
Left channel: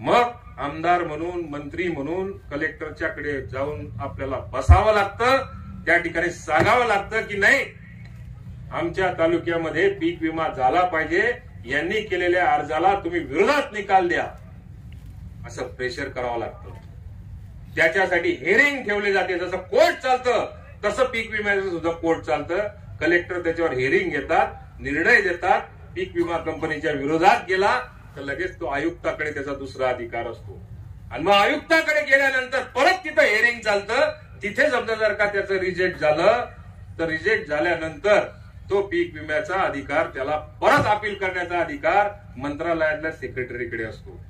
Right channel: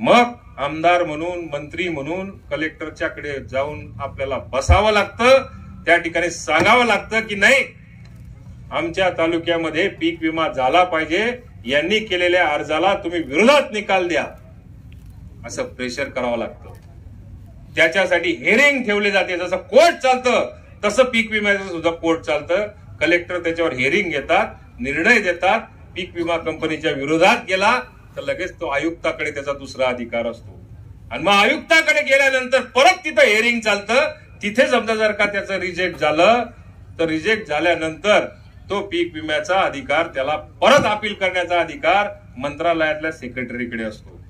मग आमदार म्हणून मंत्री म्हणून कलेक्टरच्याकडे जाऊन आपल्याला बसावं लागतं, त्या ठिकाणी सांगावं लागतं की नाही आमच्या तालुक्यामध्ये पीक विमा झाला पाहिजे, यांनी केलेल्या अर्जाला तुम्ही विरोधात निकाल द्या, असं प्रेशर करावं लागतं. त्याच्यासाठी हेरिंग ठेवले जाते. जसं कोर्ट चालतं तसं पीक विम्याचं सुद्धा कोर्ट चालतं. कलेक्टर त्याच्यावर हेरिंग घेतात, निर्णय देतात. पीक विमा कंपनीच्या विरोधात गेला तर लगेच तो आयुक्ताकडे त्याचा दुसरा अधिकार असतो आणि मग आयुक्ताकडे गेल्यानंतर परत तिथं हेरिंग चालतं. तिथे समजा जर का त्याचं रिजेक्ट झालं तर रिजेक्ट झाल्यानंतर तो पीक विम्याचा अधिकार त्याला परत अपील करण्याचा अधिकार मंत्रालयातल्या सेक्रेटरीकडे असतो.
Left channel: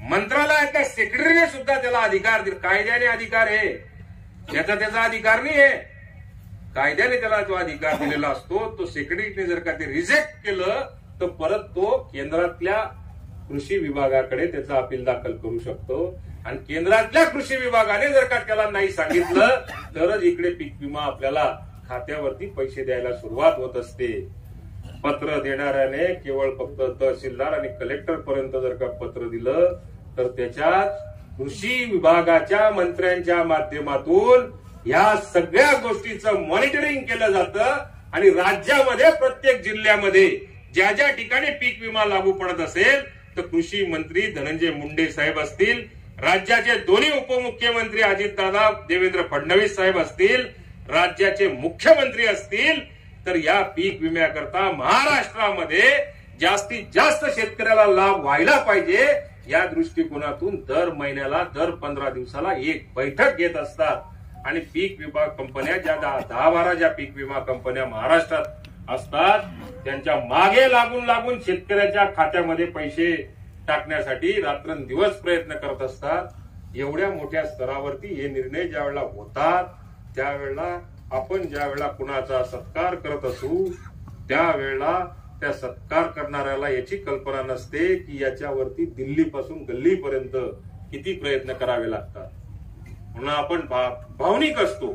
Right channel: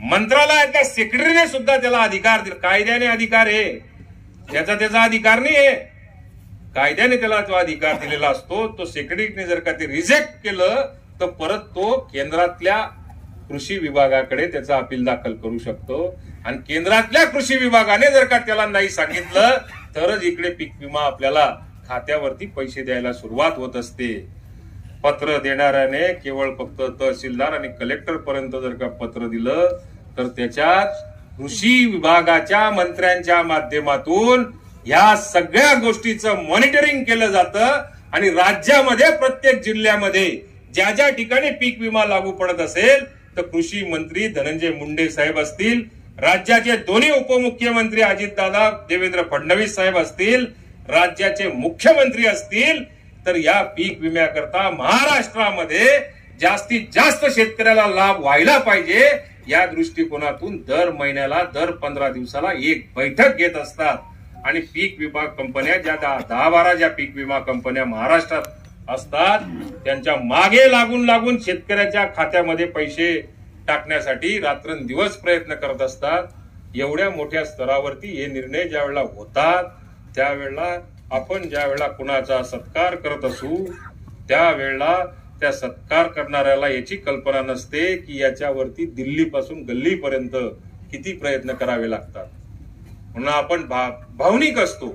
मंत्रालयातल्या सेक्रेटरीने सुद्धा त्याला अधिकार दिला. कायद्याने अधिकार आहे, त्याचा अधिकार नाही आहे, कायद्याने त्याला तो अधिकार दिलेला असतो. तो सेक्रेटरीने जर का ते रिजेक्ट केलं तर परत तो केंद्रातल्या कृषी विभागाकडे त्याचा अपील दाखल करू शकतो. आणि केंद्रातल्या कृषी विभागाने जर का त्याला नाही सांगितलं तरच इकडे पीक विमा आपल्याला खात्यावरती पैसे द्यायला सुरुवात होत असते. पत्र देणाऱ्याने केवळ फक्त तहसीलदार आणि कलेक्टर पर्यंत जर का पत्र दिलं तर त्याच्यात कृषी विभागाच्या मंत्र्यांच्या माध्यमातून या सगळ्या गोष्टीचं मॉनिटरिंग केलं जातं. आणि राज्यामध्ये प्रत्येक जिल्ह्यामध्ये ज्या ज्या ठिकाणी पीक विमा लागू पडत असेल तर कृषी मंत्री धनंजय मुंडे साहेब असतील, राज्याचे दोन्ही उपमुख्यमंत्री अजितदादा देवेंद्र फडणवीस साहेब असतील, राज्याचे मुख्यमंत्री असतील, तर या पीक विम्याकरता महाराष्ट्रामध्ये जास्तीत जास्त शेतकऱ्याला लाभ व्हायला पाहिजे या दृष्टिकोनातून दर महिन्याला दर 15 दिवसाला एक बैठक घेत असतात. आणि पीक विमा कंपन्या ज्या 10-12 ज्या पीक विमा कंपन्या महाराष्ट्रात असतात त्यांच्या मागे लागून शेतकऱ्याच्या खात्यामध्ये पैसे टाकण्यासाठी रात्रंदिवस प्रयत्न करत असतात. एवढ्या मोठ्या स्तरावरती हे निर्णय ज्या वेळेला होतात त्यावेळेला आपण ज्या वेळेला कुणाचा सत्कार करत असू त्यावेळेला त्या सत्कार करणाऱ्याला याची कल्पना नसते की याच्यावरती दिल्लीपासून गल्लीपर्यंत किती प्रयत्न करावे लागतात. म्हणून आपण भावनिक असतो.